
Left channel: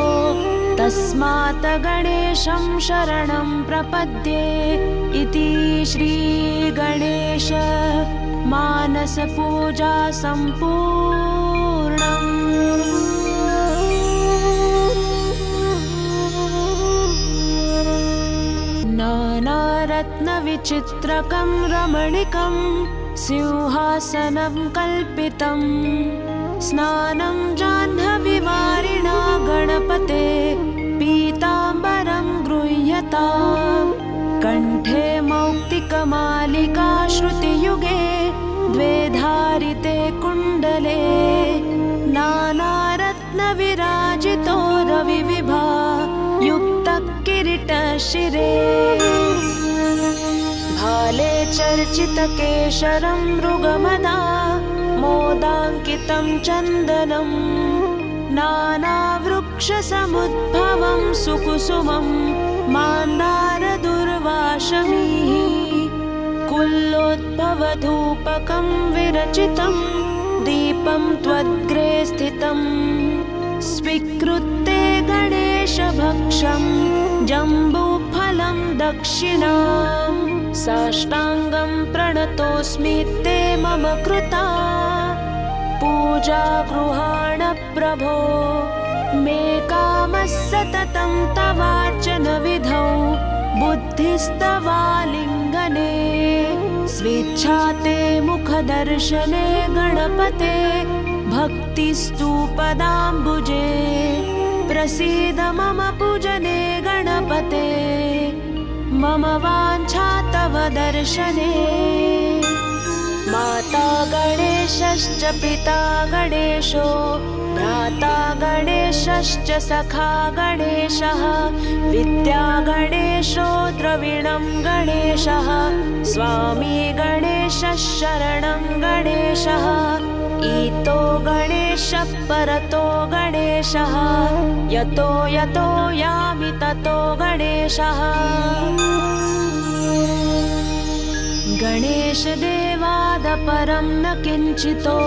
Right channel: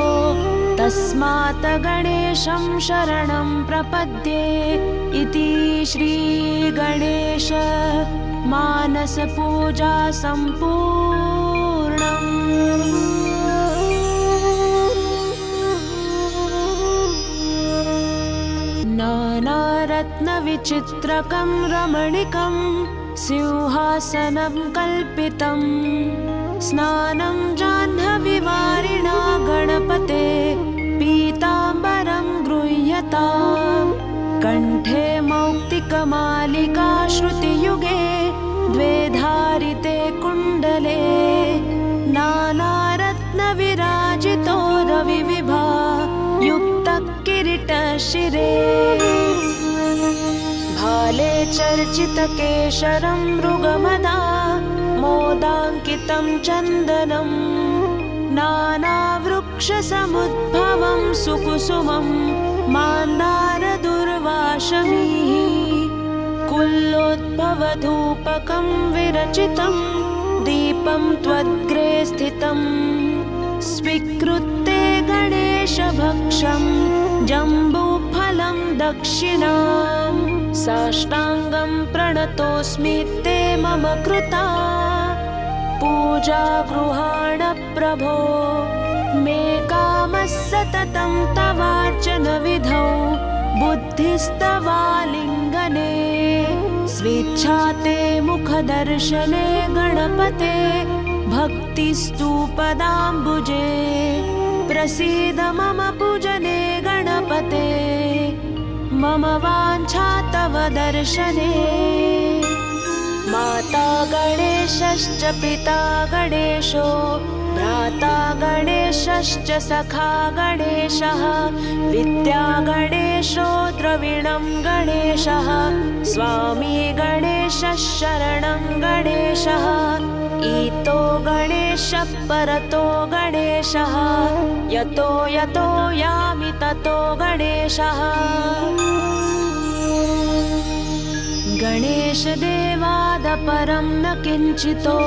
तस्मात् गणेशं शरणं प्रपद्ये इति श्रीगणेश मानसपूजा सम्पूर्णम्। नानारत्नविचित्रकं रमणीकं सिंहासनं कल्पितं स्नानं जाह्नवीवारिणा गणपते पीताम्बरं गृह्यताम् कण्ठे मौक्तिकमालिका श्रुतियुगे द्वे धारिते कुण्डले नानारत्नविराजितो रविविभा युक्तकिरीटशिरे भाले चर्चितकेशरं मृगमदा मोदाङ्कितं चन्दनं नानावृक्षसमुद्भवं सुकुसुमं मान्दारदुर्वाशमीः कुल्लोद्भवधूपकं विरचितं दीपं त्वद्ग्रे स्थितं स्वीकृत्य गणेशभक्षं जम्बूफलं दक्षिणां साष्टाङ्गं प्रणतोऽस्मि ते मम कृता पूजा गृहाण प्रभो मे कामः सततं तवार्चन विधौ बुद्धिस्तवालिङ्गने स्वेच्छा ते मुखदर्शने गणपते भक्तिस्तु पदाम्बुजे प्रसीद मम पूजने गणपते मम वाञ्छा तव दर्शने माता गणेशश्च पिता गणेशो भ्राता गणेशश्च सखा गणेशः विद्या गणेशो द्रविणं गणेशः स्वामी गणेशः शरणं गणेशः ईतो गणेशः परतो गणेशः यतो यतो यामि ततो गणेशः गणेशदेवादपरं न किञ्चितो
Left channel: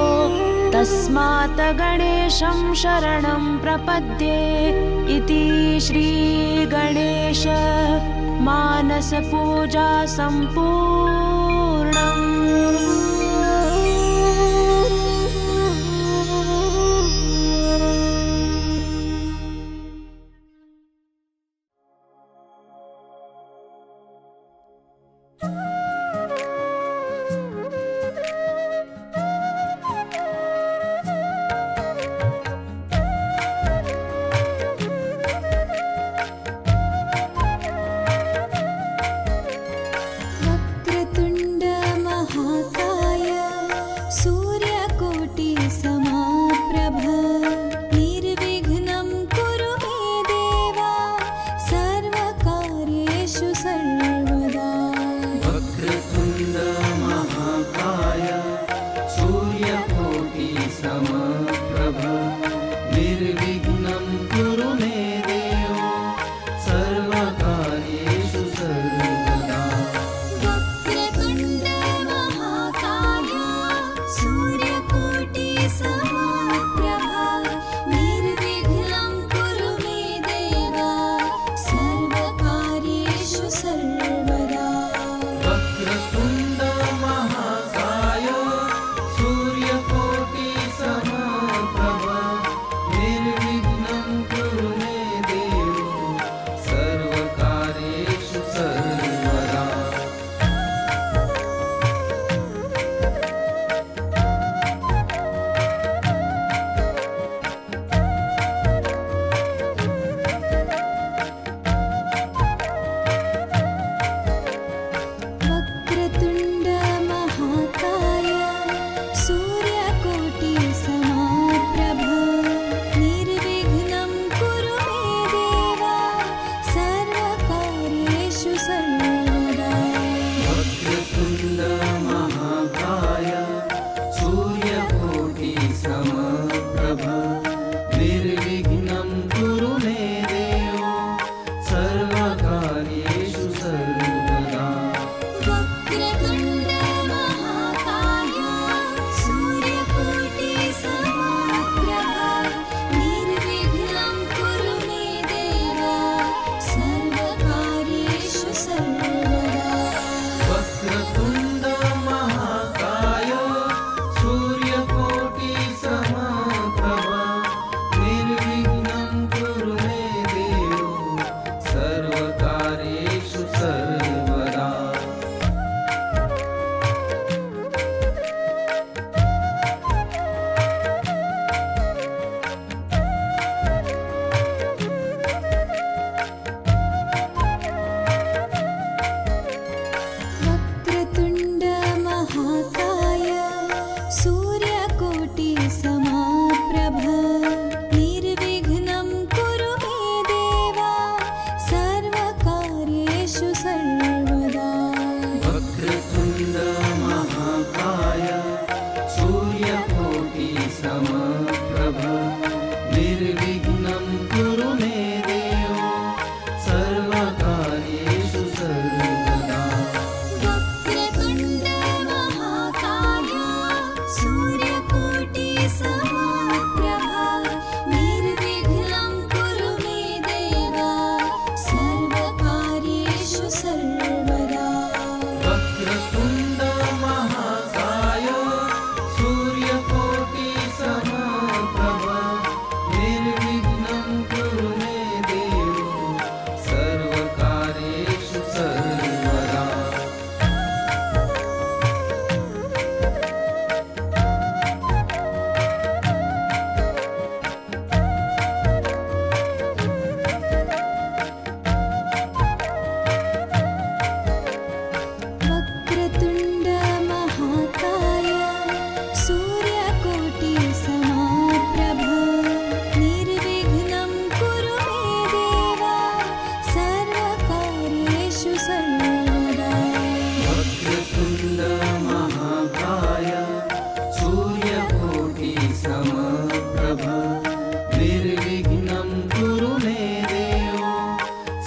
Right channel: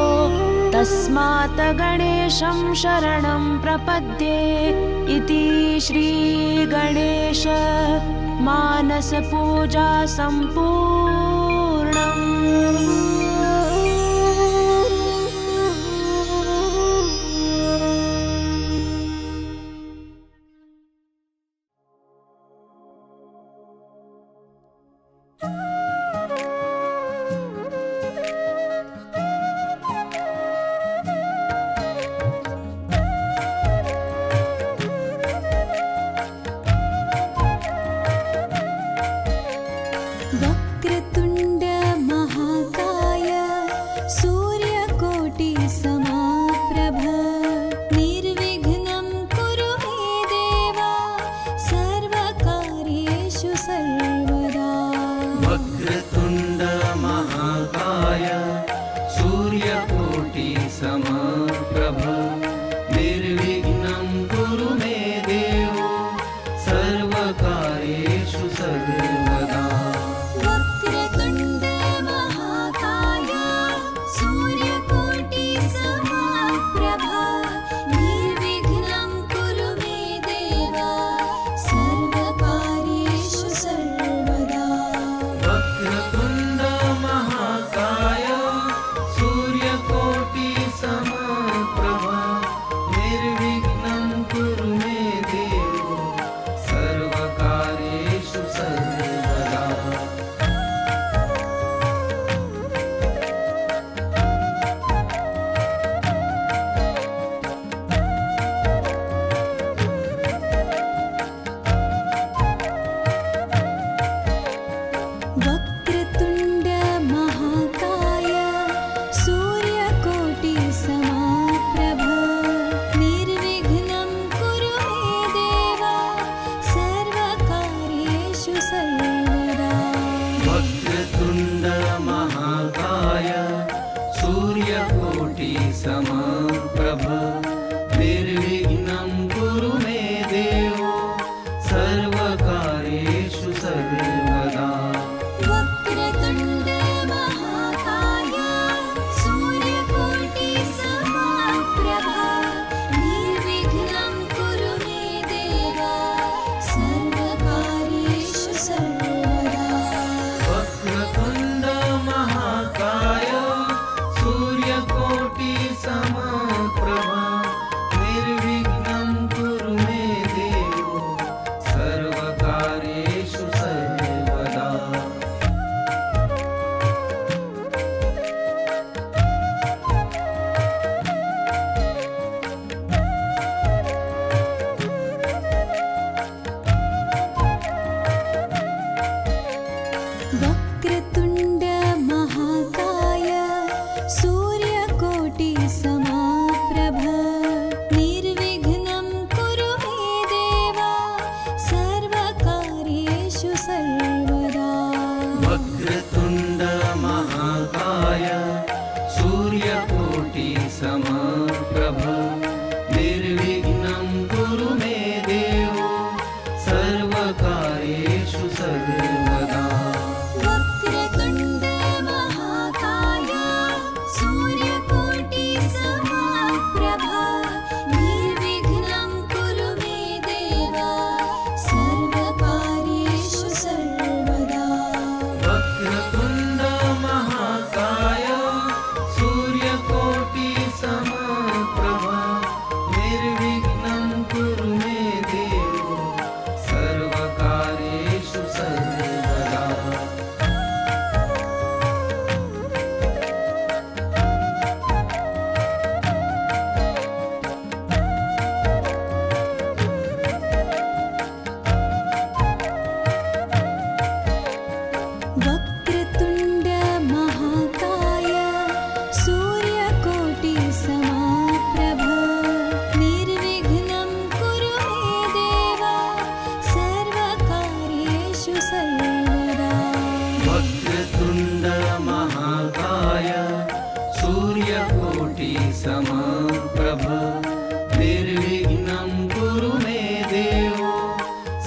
तस्मात् गणेशं शरणं प्रपद्ये इति श्रीगणेश मानसपूजा सम्पूर्णम्।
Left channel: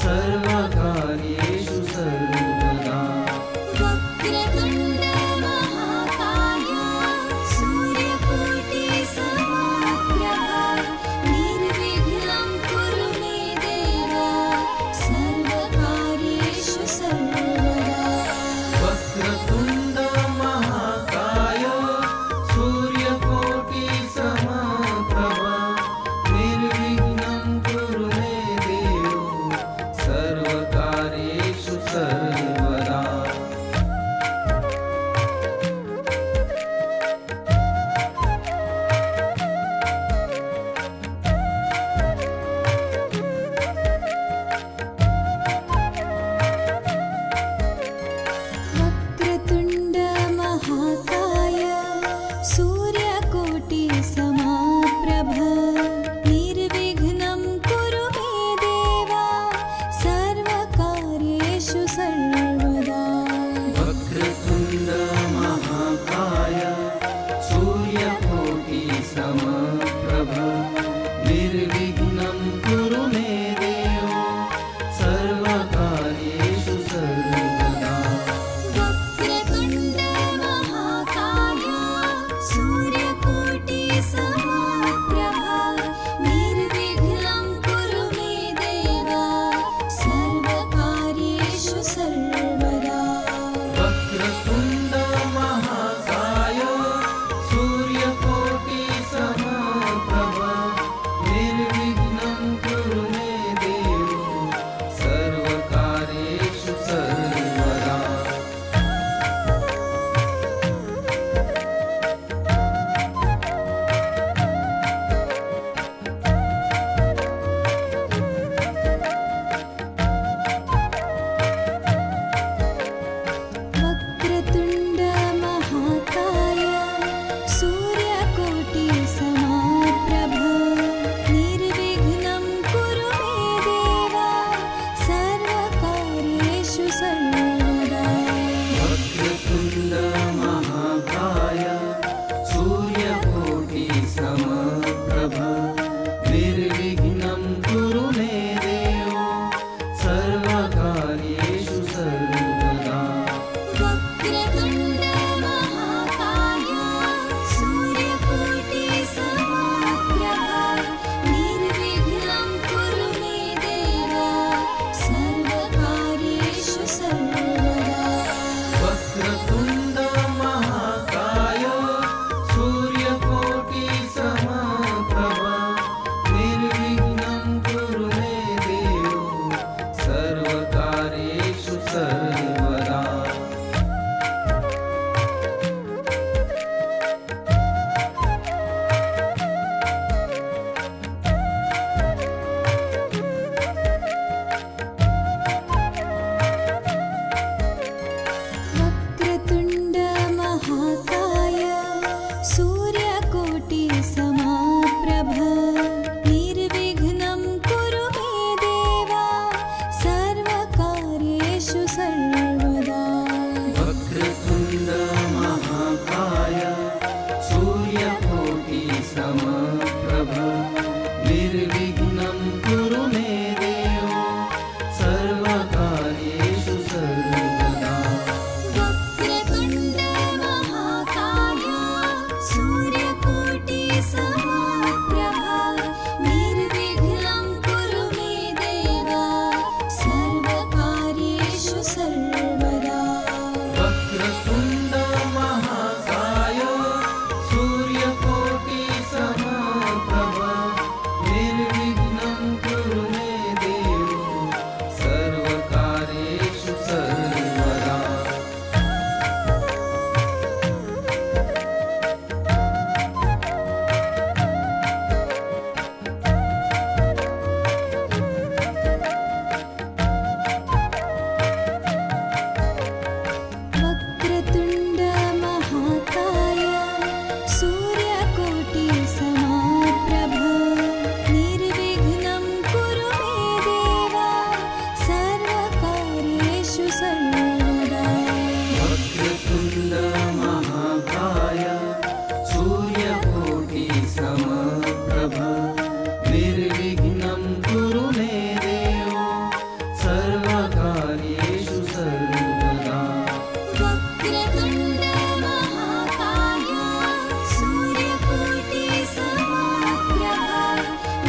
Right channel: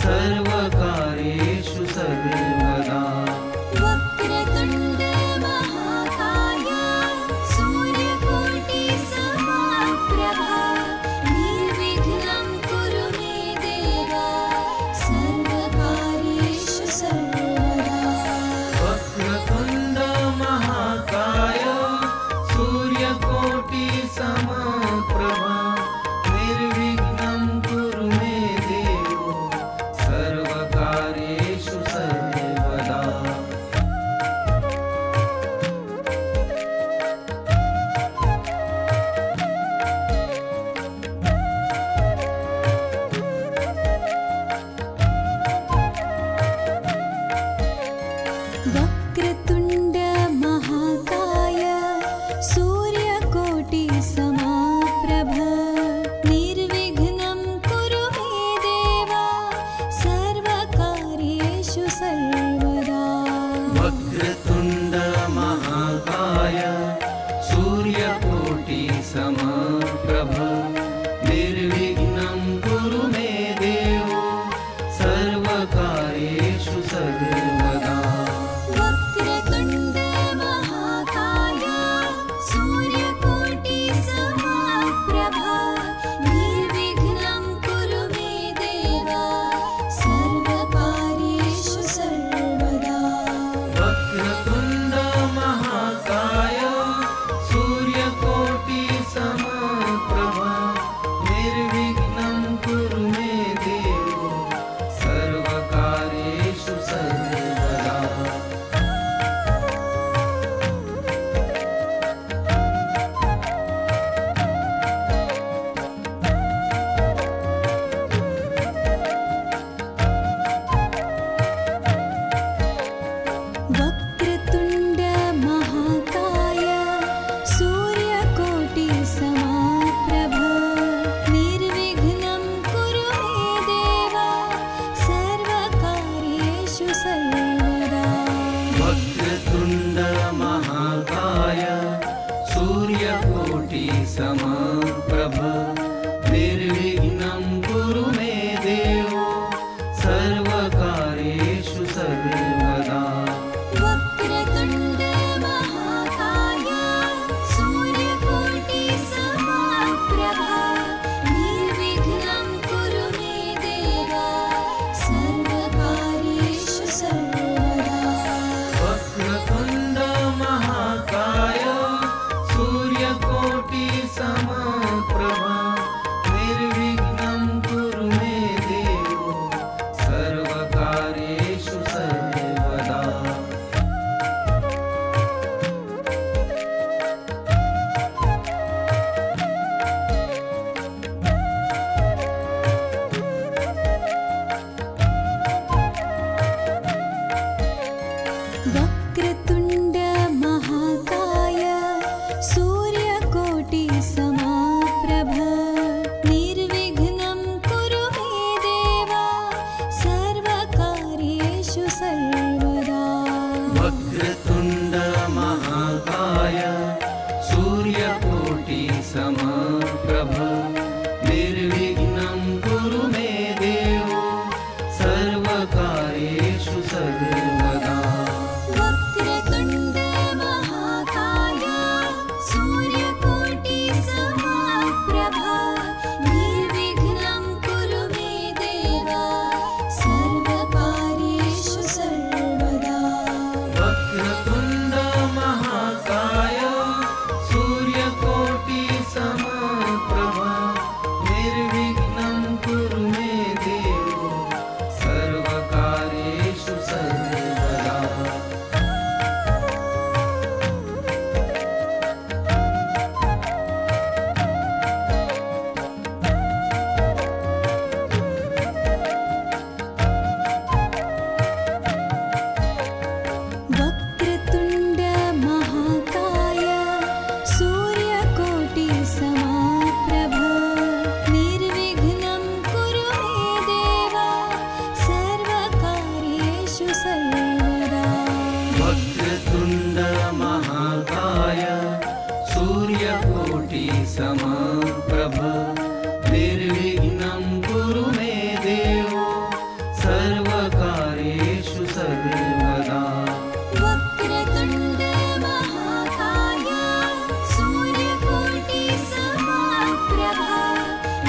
सर्वकार्येषु सर्वदा वक्रतुण्ड सूर्यकोटिसमप्रभ निर्विघ्नं कुरु मे देव सर्वकार्येषु सर्वदा। वक्रतुण्ड महाकाय सूर्यकोटिसमप्रभ निर्विघ्नं कुरु मे देव सर्वकार्येषु सर्वदा। वक्रतुण्ड महाकाय सूर्यकोटिसमप्रभ निर्विघ्नं कुरु मे देव सर्वकार्येषु सर्वदा। वक्रतुण्ड महाकाय सूर्यकोटिसमप्रभ निर्विघ्नं कुरु मे देव सर्वकार्येषु सर्वदा। वक्रतुण्ड महाकाय सूर्यकोटिसमप्रभ निर्विघ्नं कुरु मे देव सर्वकार्येषु सर्वदा। वक्रतुण्ड महाकाय सूर्यकोटिसमप्रभ निर्विघ्नं कुरु मे देव सर्वकार्येषु सर्वदा। वक्रतुण्ड महाकाय सूर्यकोटिसमप्रभ निर्विघ्नं कुरु मे देव सर्वकार्येषु सर्वदा। वक्रतुण्ड महाकाय सूर्यकोटिसमप्रभ निर्विघ्नं कुरु मे देव सर्वकार्येषु सर्वदा। वक्रतुण्ड महाकाय सूर्यकोटिसमप्रभ निर्विघ्नं कुरु मे देव सर्वकार्येषु सर्वदा। वक्रतुण्ड महाकाय सूर्यकोटिसमप्रभ निर्विघ्नं कुरु मे देव सर्वकार्येषु सर्वदा। वक्रतुण्ड महाकाय सूर्यकोटिसमप्रभ निर्विघ्नं कुरु मे देव सर्वकार्येषु सर्वदा। वक्रतुण्ड महाकाय सूर्यकोटिसमप्रभ निर्विघ्नं कुरु मे देव सर्वकार्येषु सर्वदा। वक्रतुण्ड महाकाय सूर्यकोटिसमप्रभ निर्विघ्नं कुरु मे देव सर्वकार्येषु सर्वदा। वक्रतुण्ड महाकाय सूर्यकोटिसमप्रभ निर्विघ्नं कुरु मे देव सर्वकार्येषु सर्वदा। वक्रतुण्ड महाकाय सूर्यकोटिसमप्रभ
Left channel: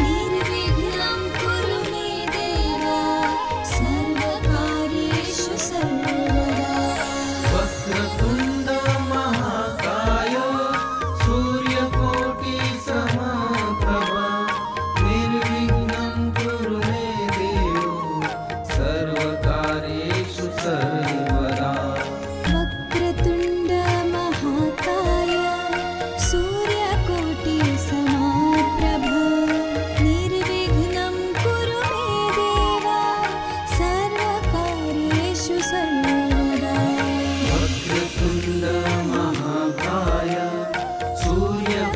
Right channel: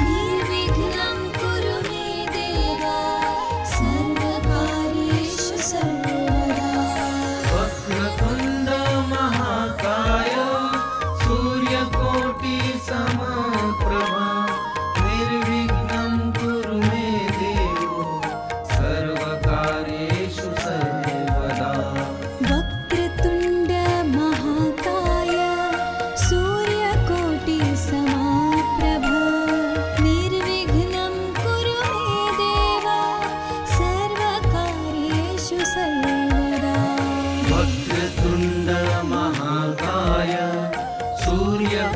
निर्विघ्नं कुरु मे देव सर्वकार्येषु सर्वदा। वक्रतुण्ड महाकाय सूर्यकोटिसमप्रभ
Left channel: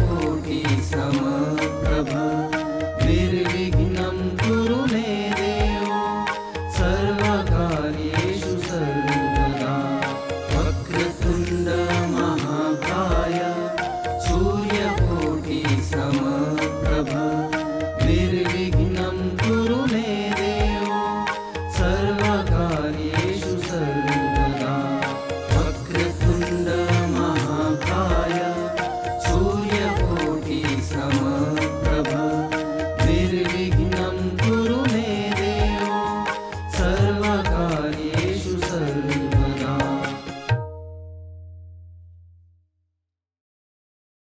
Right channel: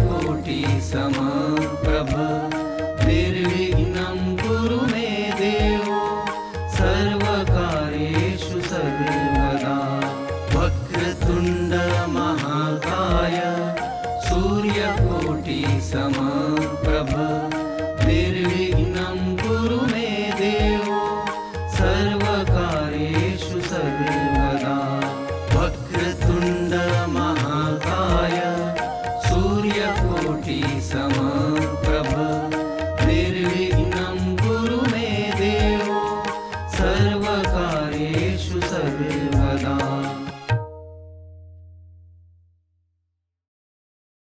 सूर्यकोटि समप्रभ निर्विघ्नं कुरु मे देव सर्वकार्येषु सर्वदा वक्रतुण्ड महाकाय सूर्यकोटि समप्रभ निर्विघ्नं कुरु मे देव सर्वकार्येषु सर्वदा वक्रतुण्ड महाकाय सूर्यकोटि समप्रभ